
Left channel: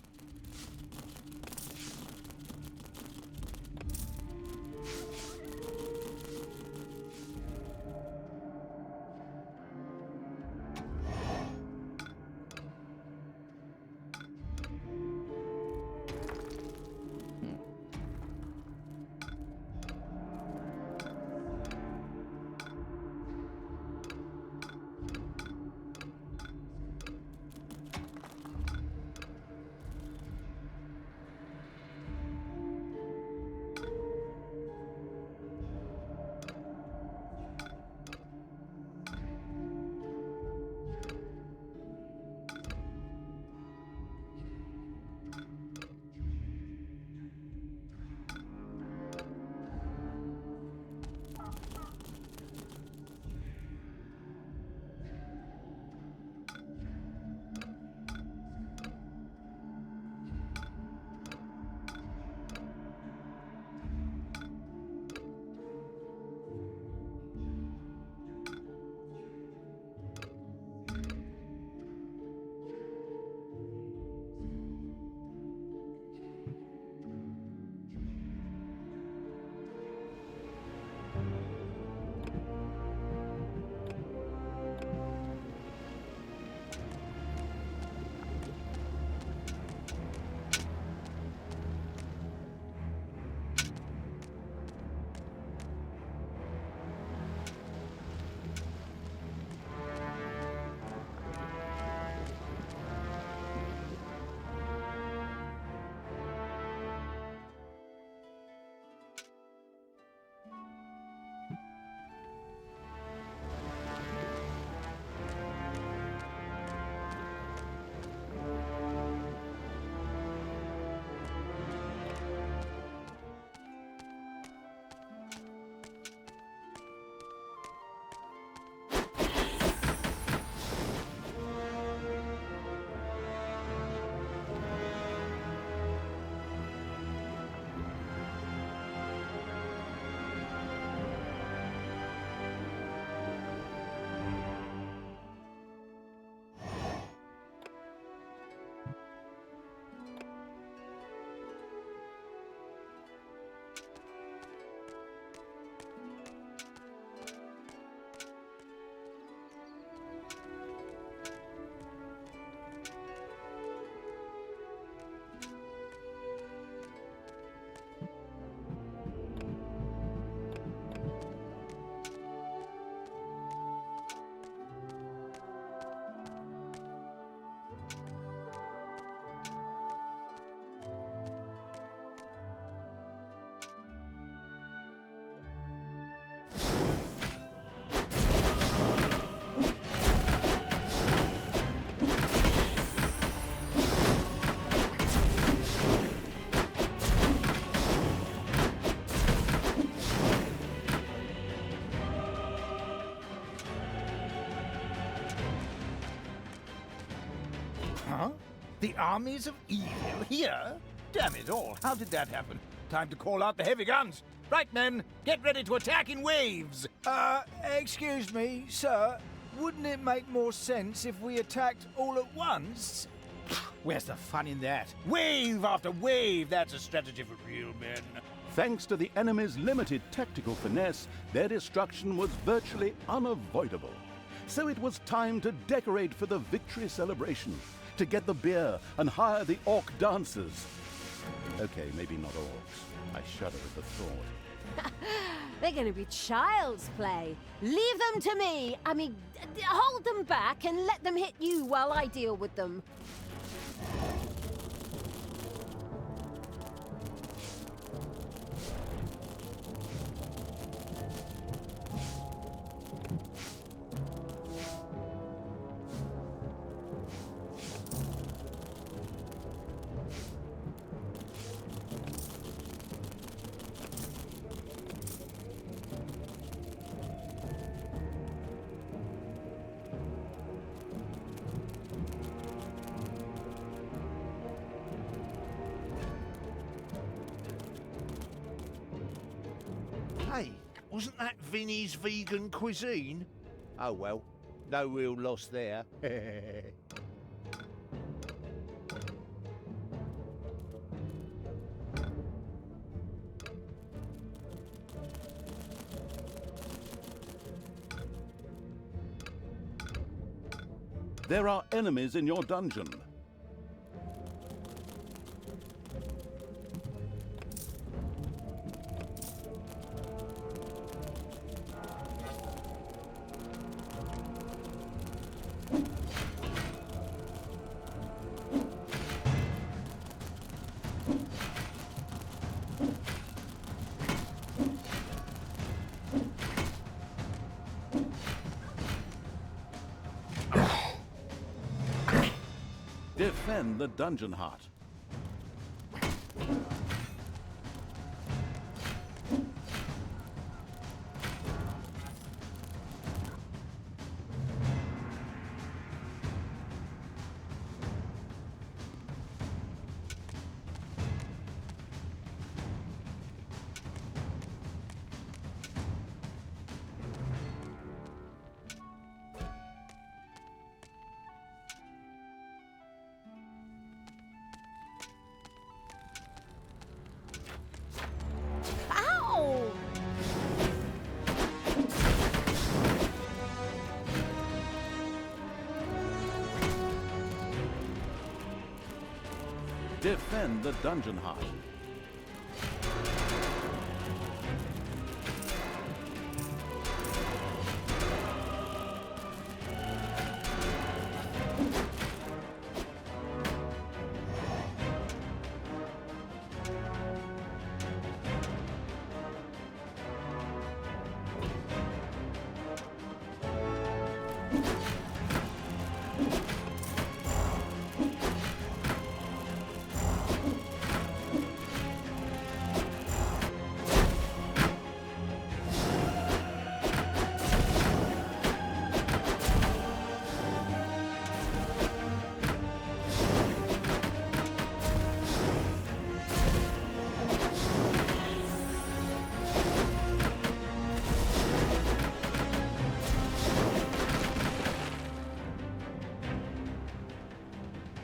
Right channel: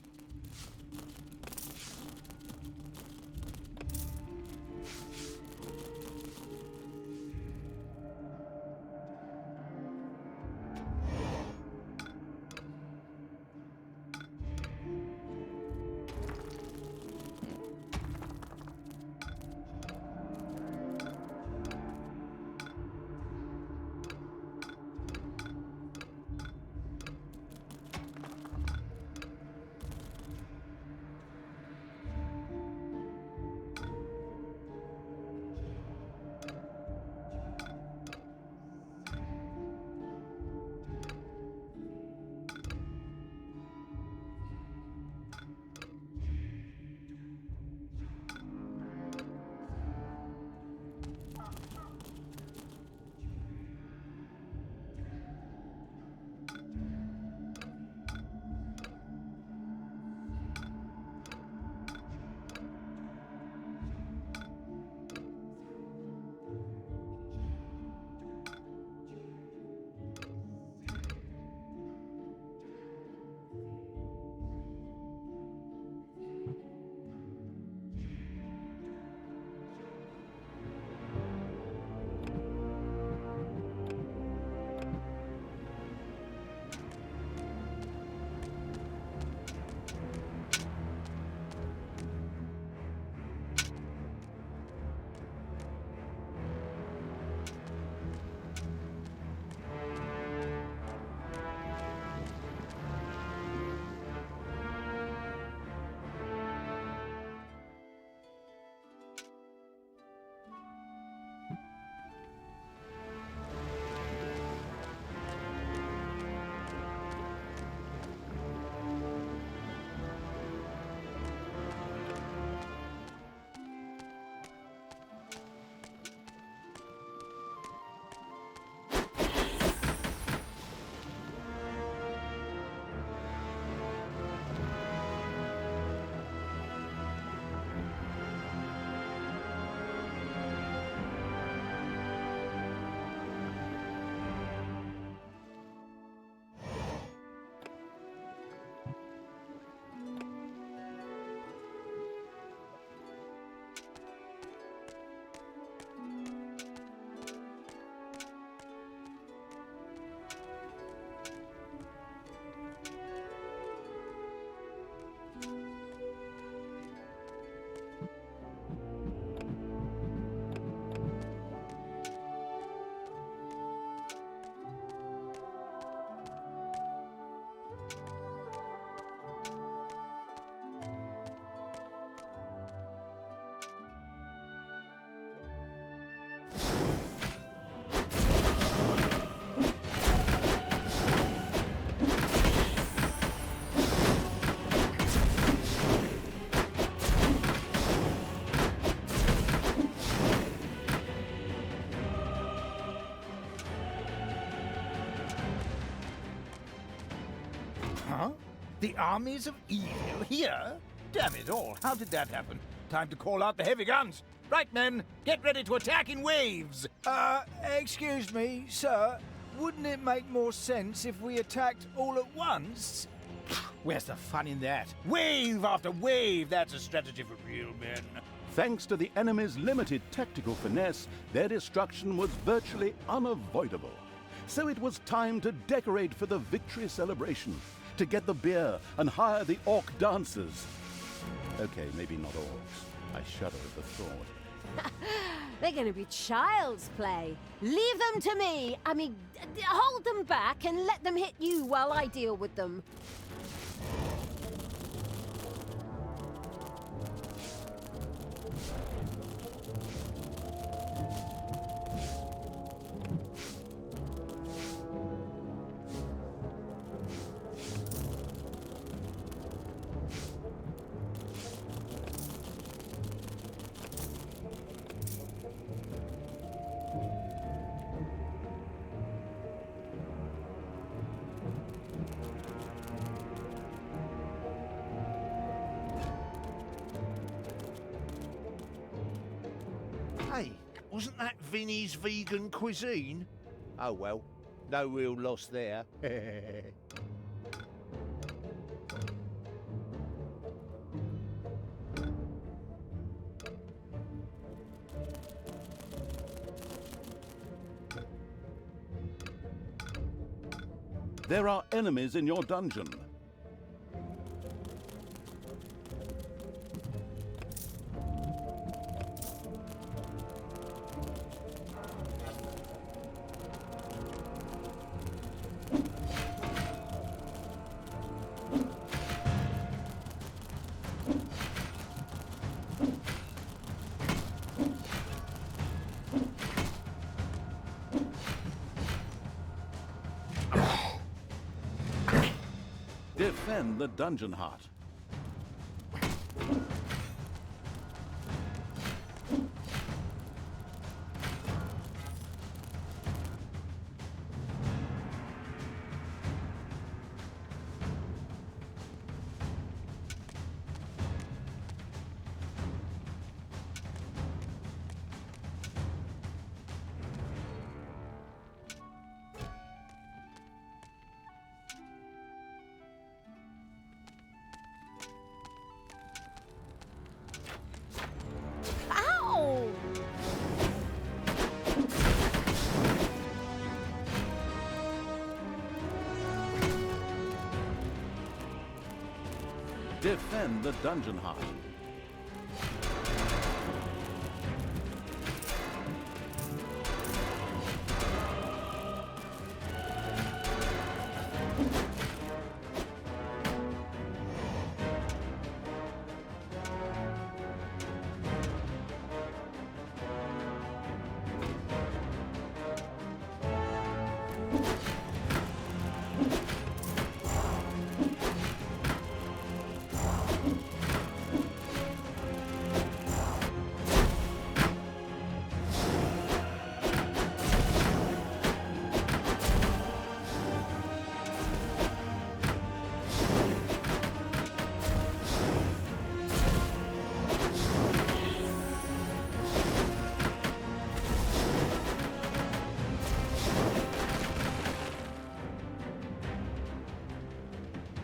The armies of evil here? Damn it all, how did that happen? Time to call out the heavy guns. Right, men, get ready to attack in waves. Excuse me, sir. Wouldn't it make more sense if we attacked all at once? Where's the fun in that? Wave after wave, that's a strategy for real men. Thanks to the enemy's limited tactical finesse, their destruction was virtually unavoidable. So it was time to decorate for the victory celebration, to get the beer and hire the orc dancers. Okay, maybe not orcs. I shudder at the thought. They're going to be child's play. Leave them to me. I mean, hold them back and let them hit you while I deal with them. Hey, wasn't that Vinny's vegan cuisine? Oh well, no real loss there. There are enemies in your dungeon. Defend the dungeon heart. Ow! Defend the dungeon heart.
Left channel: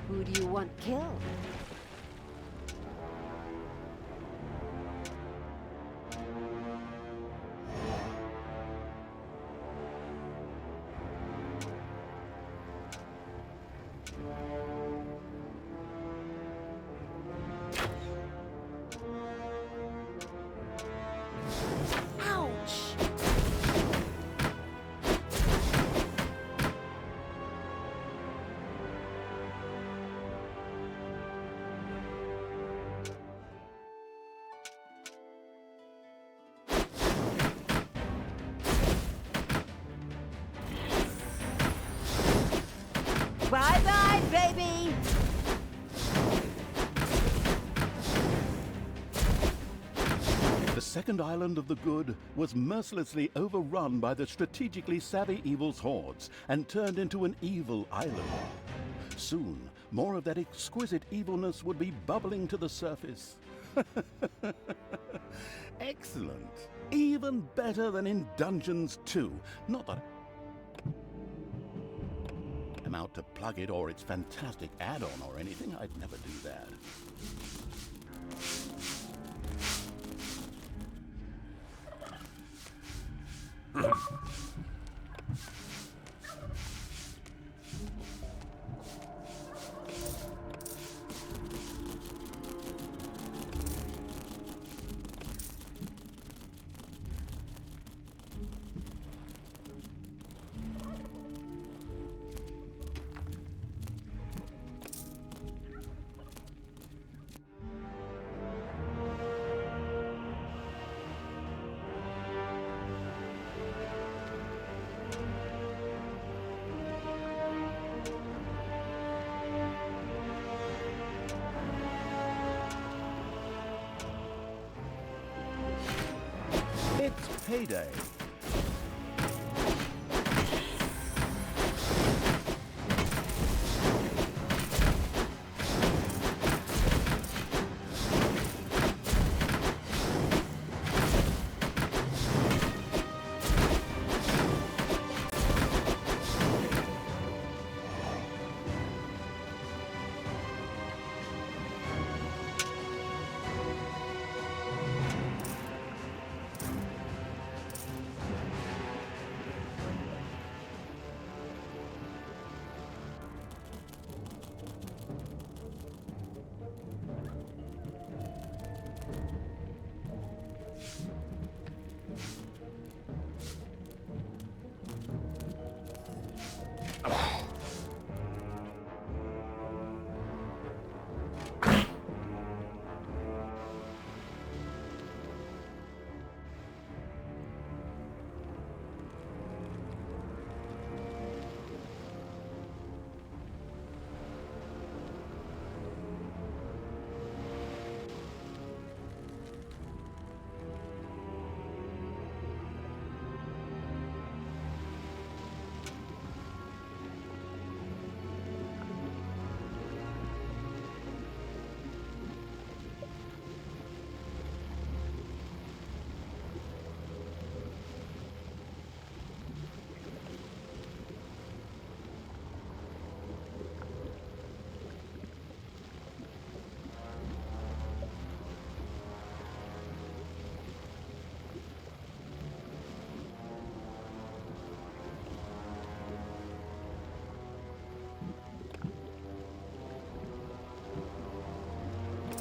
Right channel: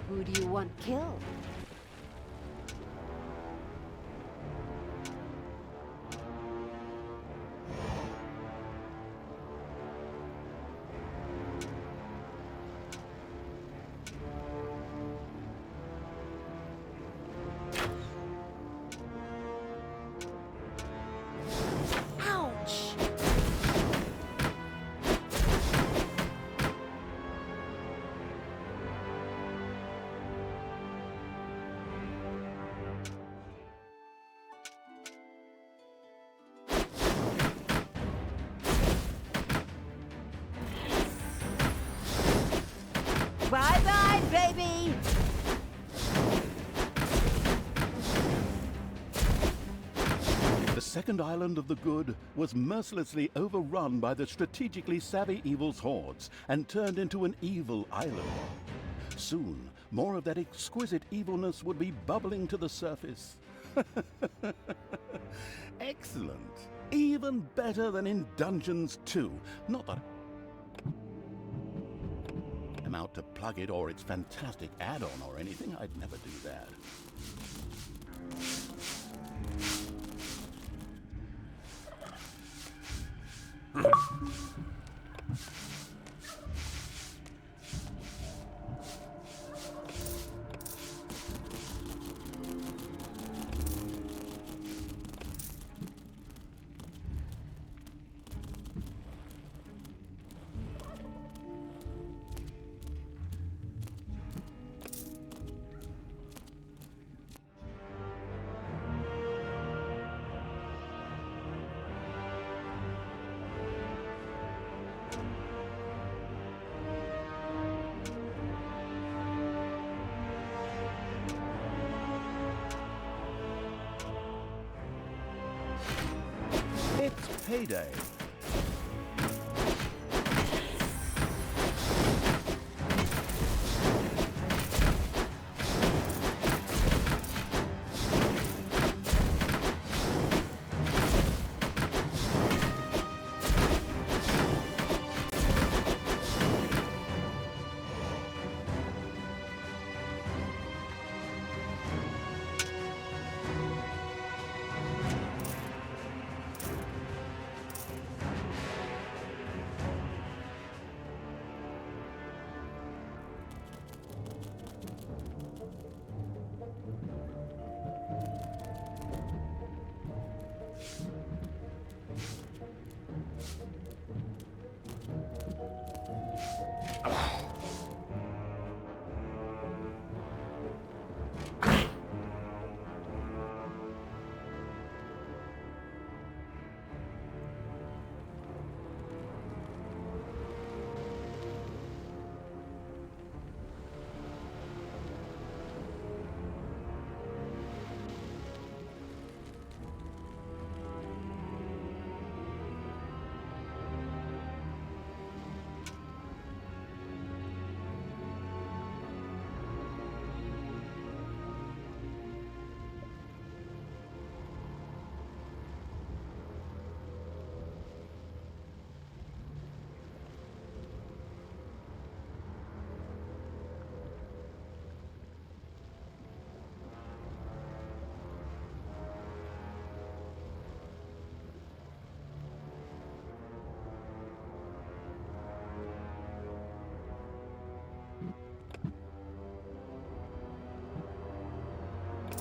Who do you want killed? Ouch! Bye-bye, baby! The second island of the good was mercilessly overrun by the strategically savvy evil's hordes and turned into an evil island. Soon, more of that exquisite evilness would be bubbling to the surface. Excellent. Even better than in Dungeons 2. Not that I'm out to plug it or its fantastic add-on or anything. I'd never do that. It's payday.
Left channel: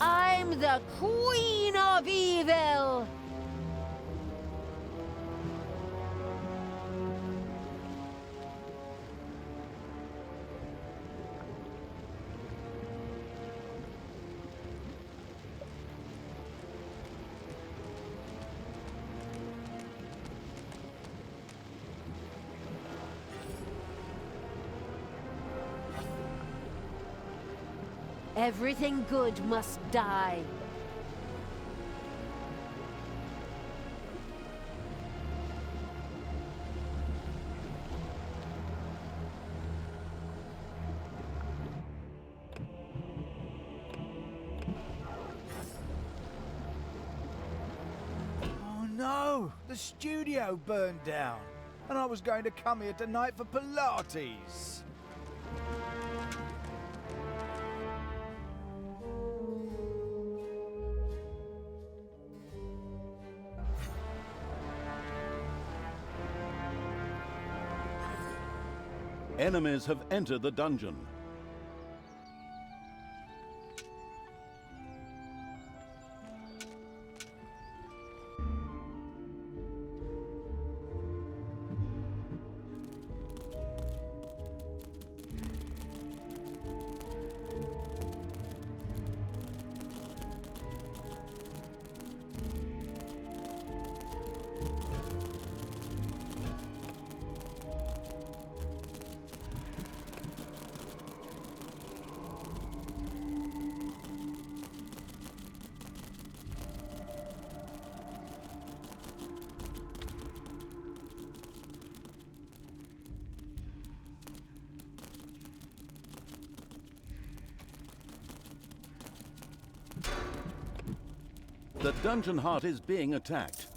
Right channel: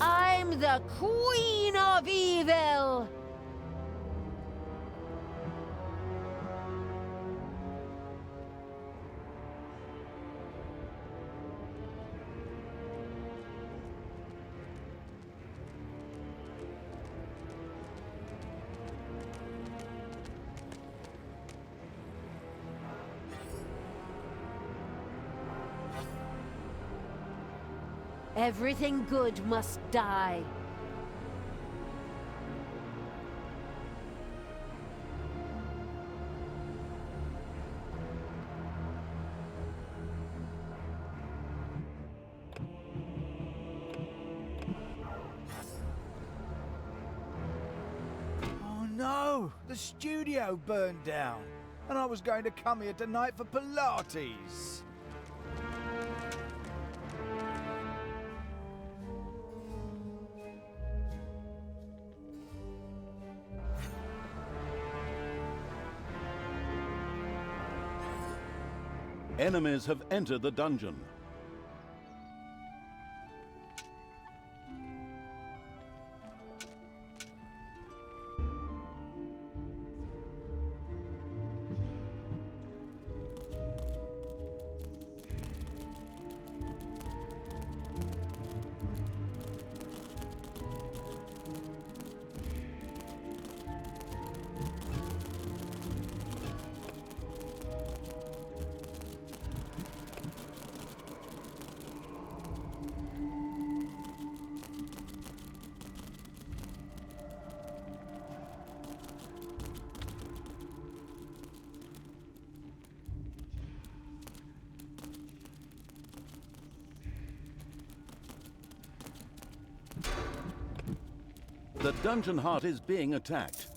I'm the Queen of Evil! Everything good must die. Oh no! The studio burned down. And I was going to come here tonight for Pilates. Enemies have entered the dungeon. The dungeon heart is being attacked.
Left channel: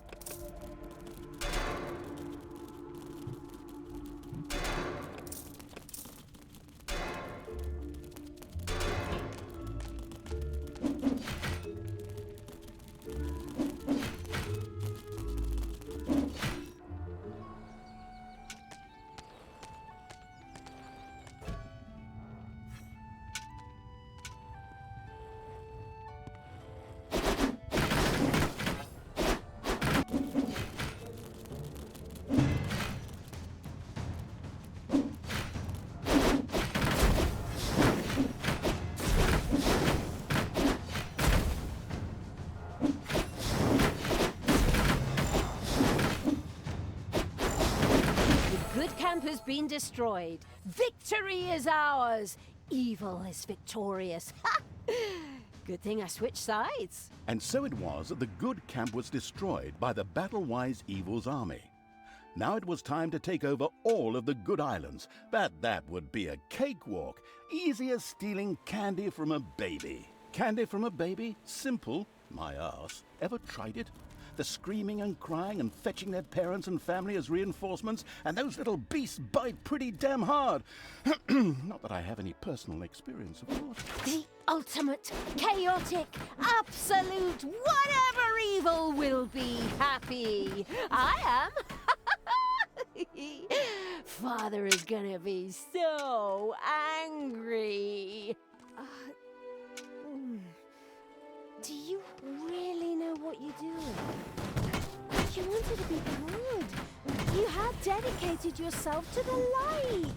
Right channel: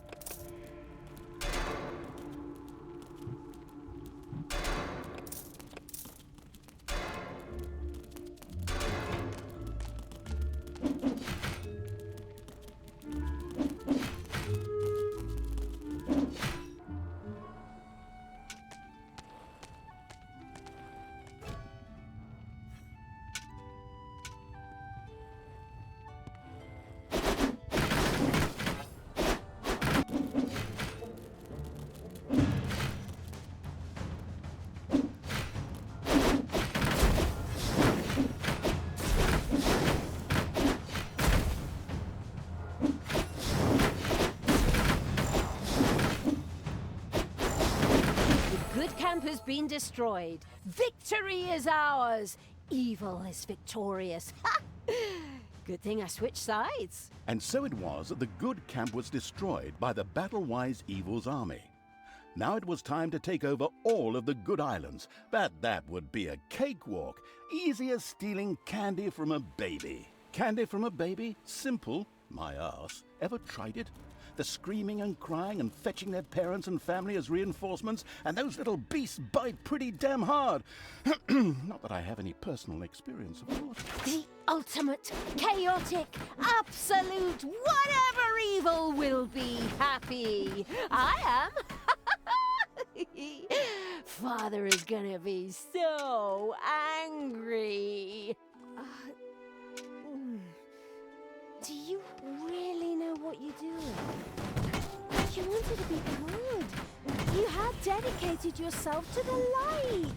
Camp has been destroyed. Victory is ours. Evil is victorious. Ha! Good thing I switched sides. And so it was that the good camp was destroyed by the battle-wise evil's army. Now it was time to take over all of the good islands, but that would be a cakewalk. Easy as stealing candy from a baby. Candy from a baby? Simple. My arse. Ever tried it? The screaming and crying and fetching their parents and family as reinforcements, and those little beasts bite pretty damn hard. Not that I have any personal experience, of course. The ultimate, chaotic, absolute, whatever evil will be happy. I am. Father is gonna be so angry. Do you really know what you're doing? You wanted to be good. You had dedicated yourself to the light.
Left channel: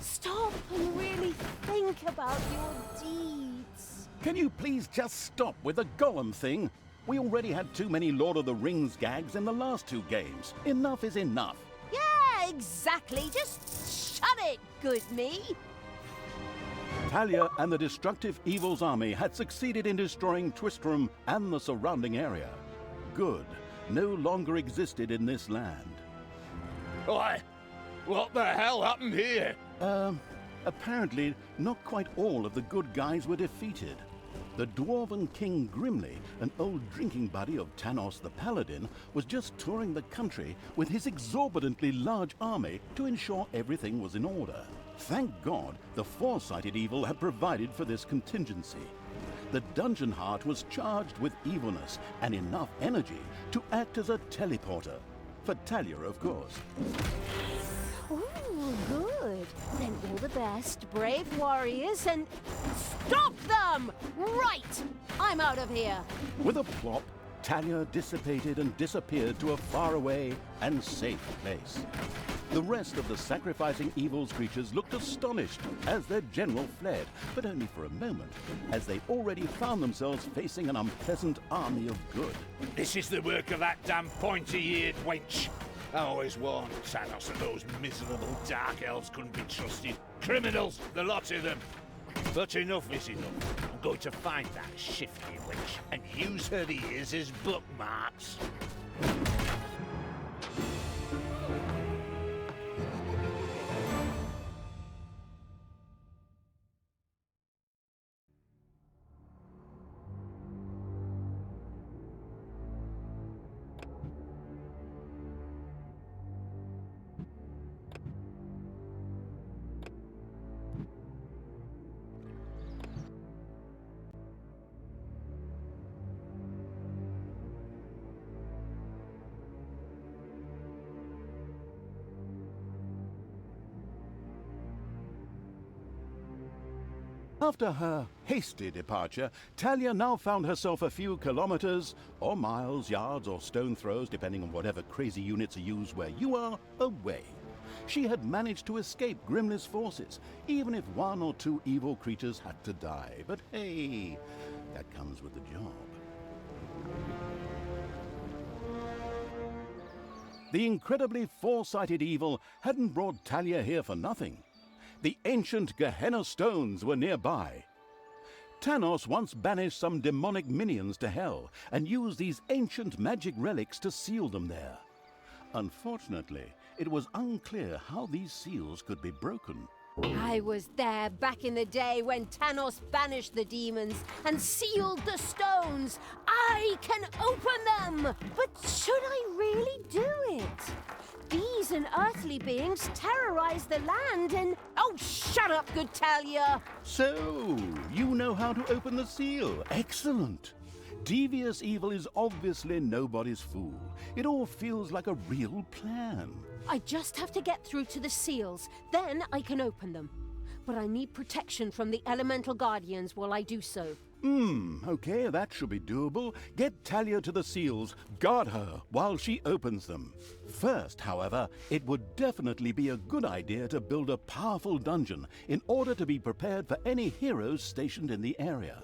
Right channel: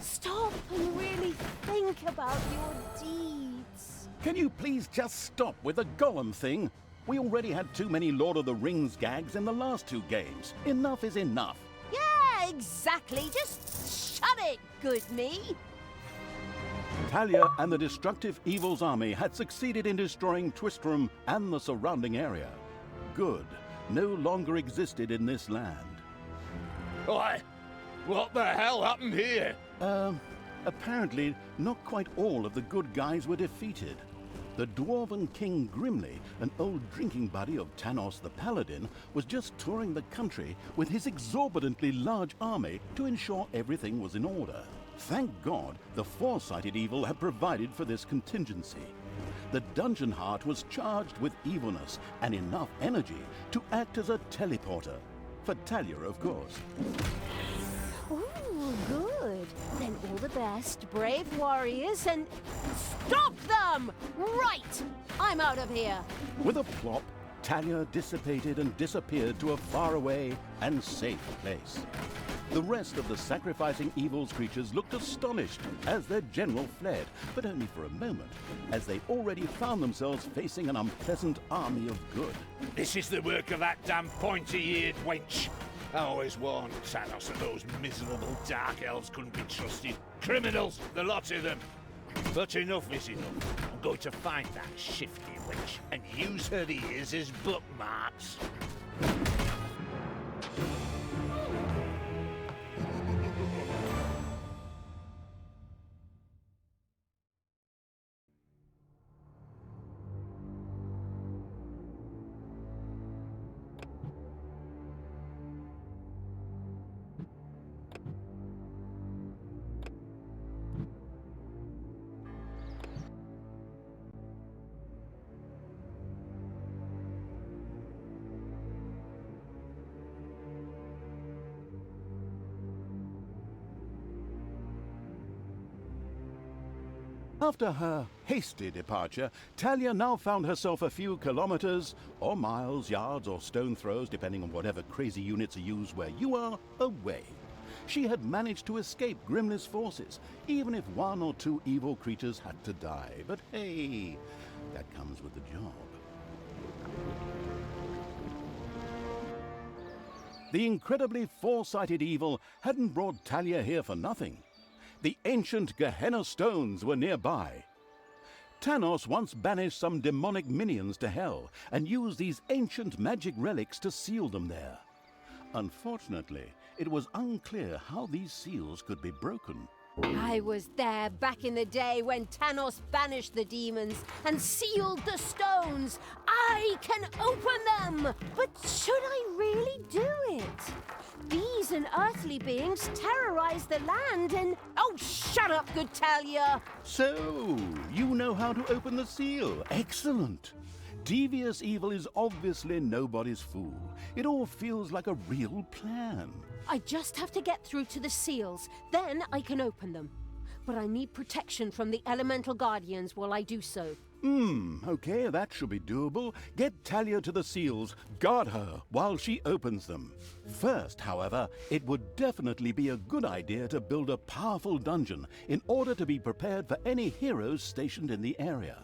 Stop and really think about your deeds. Can you please just stop with the golem thing? We already had too many Lord of the Rings gags in the last two games. Enough is enough. Yeah, exactly. Just shut it, good me. Talia and the destructive evil's army had succeeded in destroying Twistrum and the surrounding area. Good no longer existed in this land. Why? What the hell happened here? Apparently not quite all of the good guys were defeated. The dwarven King Grimly, an old drinking buddy of Tanos the Paladin, was just touring the country with his exorbitantly large army to ensure everything was in order. Thank God the foresighted evil had provided for this contingency. The dungeon heart was charged with evilness and enough energy to act as a teleporter. For Talia, of course. Ooh, good. Then all the best, brave warriors, and stop them! Right! I'm out of here. With a plop, Talia dissipated and disappeared to a faraway and safe place. The rest of the sacrificing evil's creatures looked astonished as their general fled, but only for a moment, as they already found themselves facing an unpleasant army of good. This is the work of that damn pointy-eared wench. I always warned Thanos that those miserable dark elves couldn't be trusted. Criminals, the lot of them. But enough is enough. I'm going to find that shifty wench and use her ears as bookmarks. After her hasty departure, Talia now found herself a few kilometers, or miles, yards, or stone throws, depending on whatever crazy units are used where you are, away. She had managed to escape Grimly's forces, even if one or two evil creatures had to die. But hey, that comes with the job. The incredibly foresighted evil hadn't brought Talia here for nothing. The ancient Gehenna stones were nearby. Tanos once banished some demonic minions to hell and used these ancient magic relics to seal them there. Unfortunately, it was unclear how these seals could be broken. I was there back in the day when Thanos banished the demons and sealed the stones. I can open them! But should I really do it? These unearthly beings terrorize the land and... Oh, shut up, good Talia! So, you know how to open the seal. Excellent. Devious evil is obviously nobody's fool. It all feels like a real plan. I just have to get through to the seals, then I can open them. But I need protection from the elemental guardians while I do so. Okay, that should be doable. Get Talia to the seals, guard her while she opens them. First, however, it would definitely be a good idea to build a powerful dungeon in order to be prepared for any heroes stationed in the area.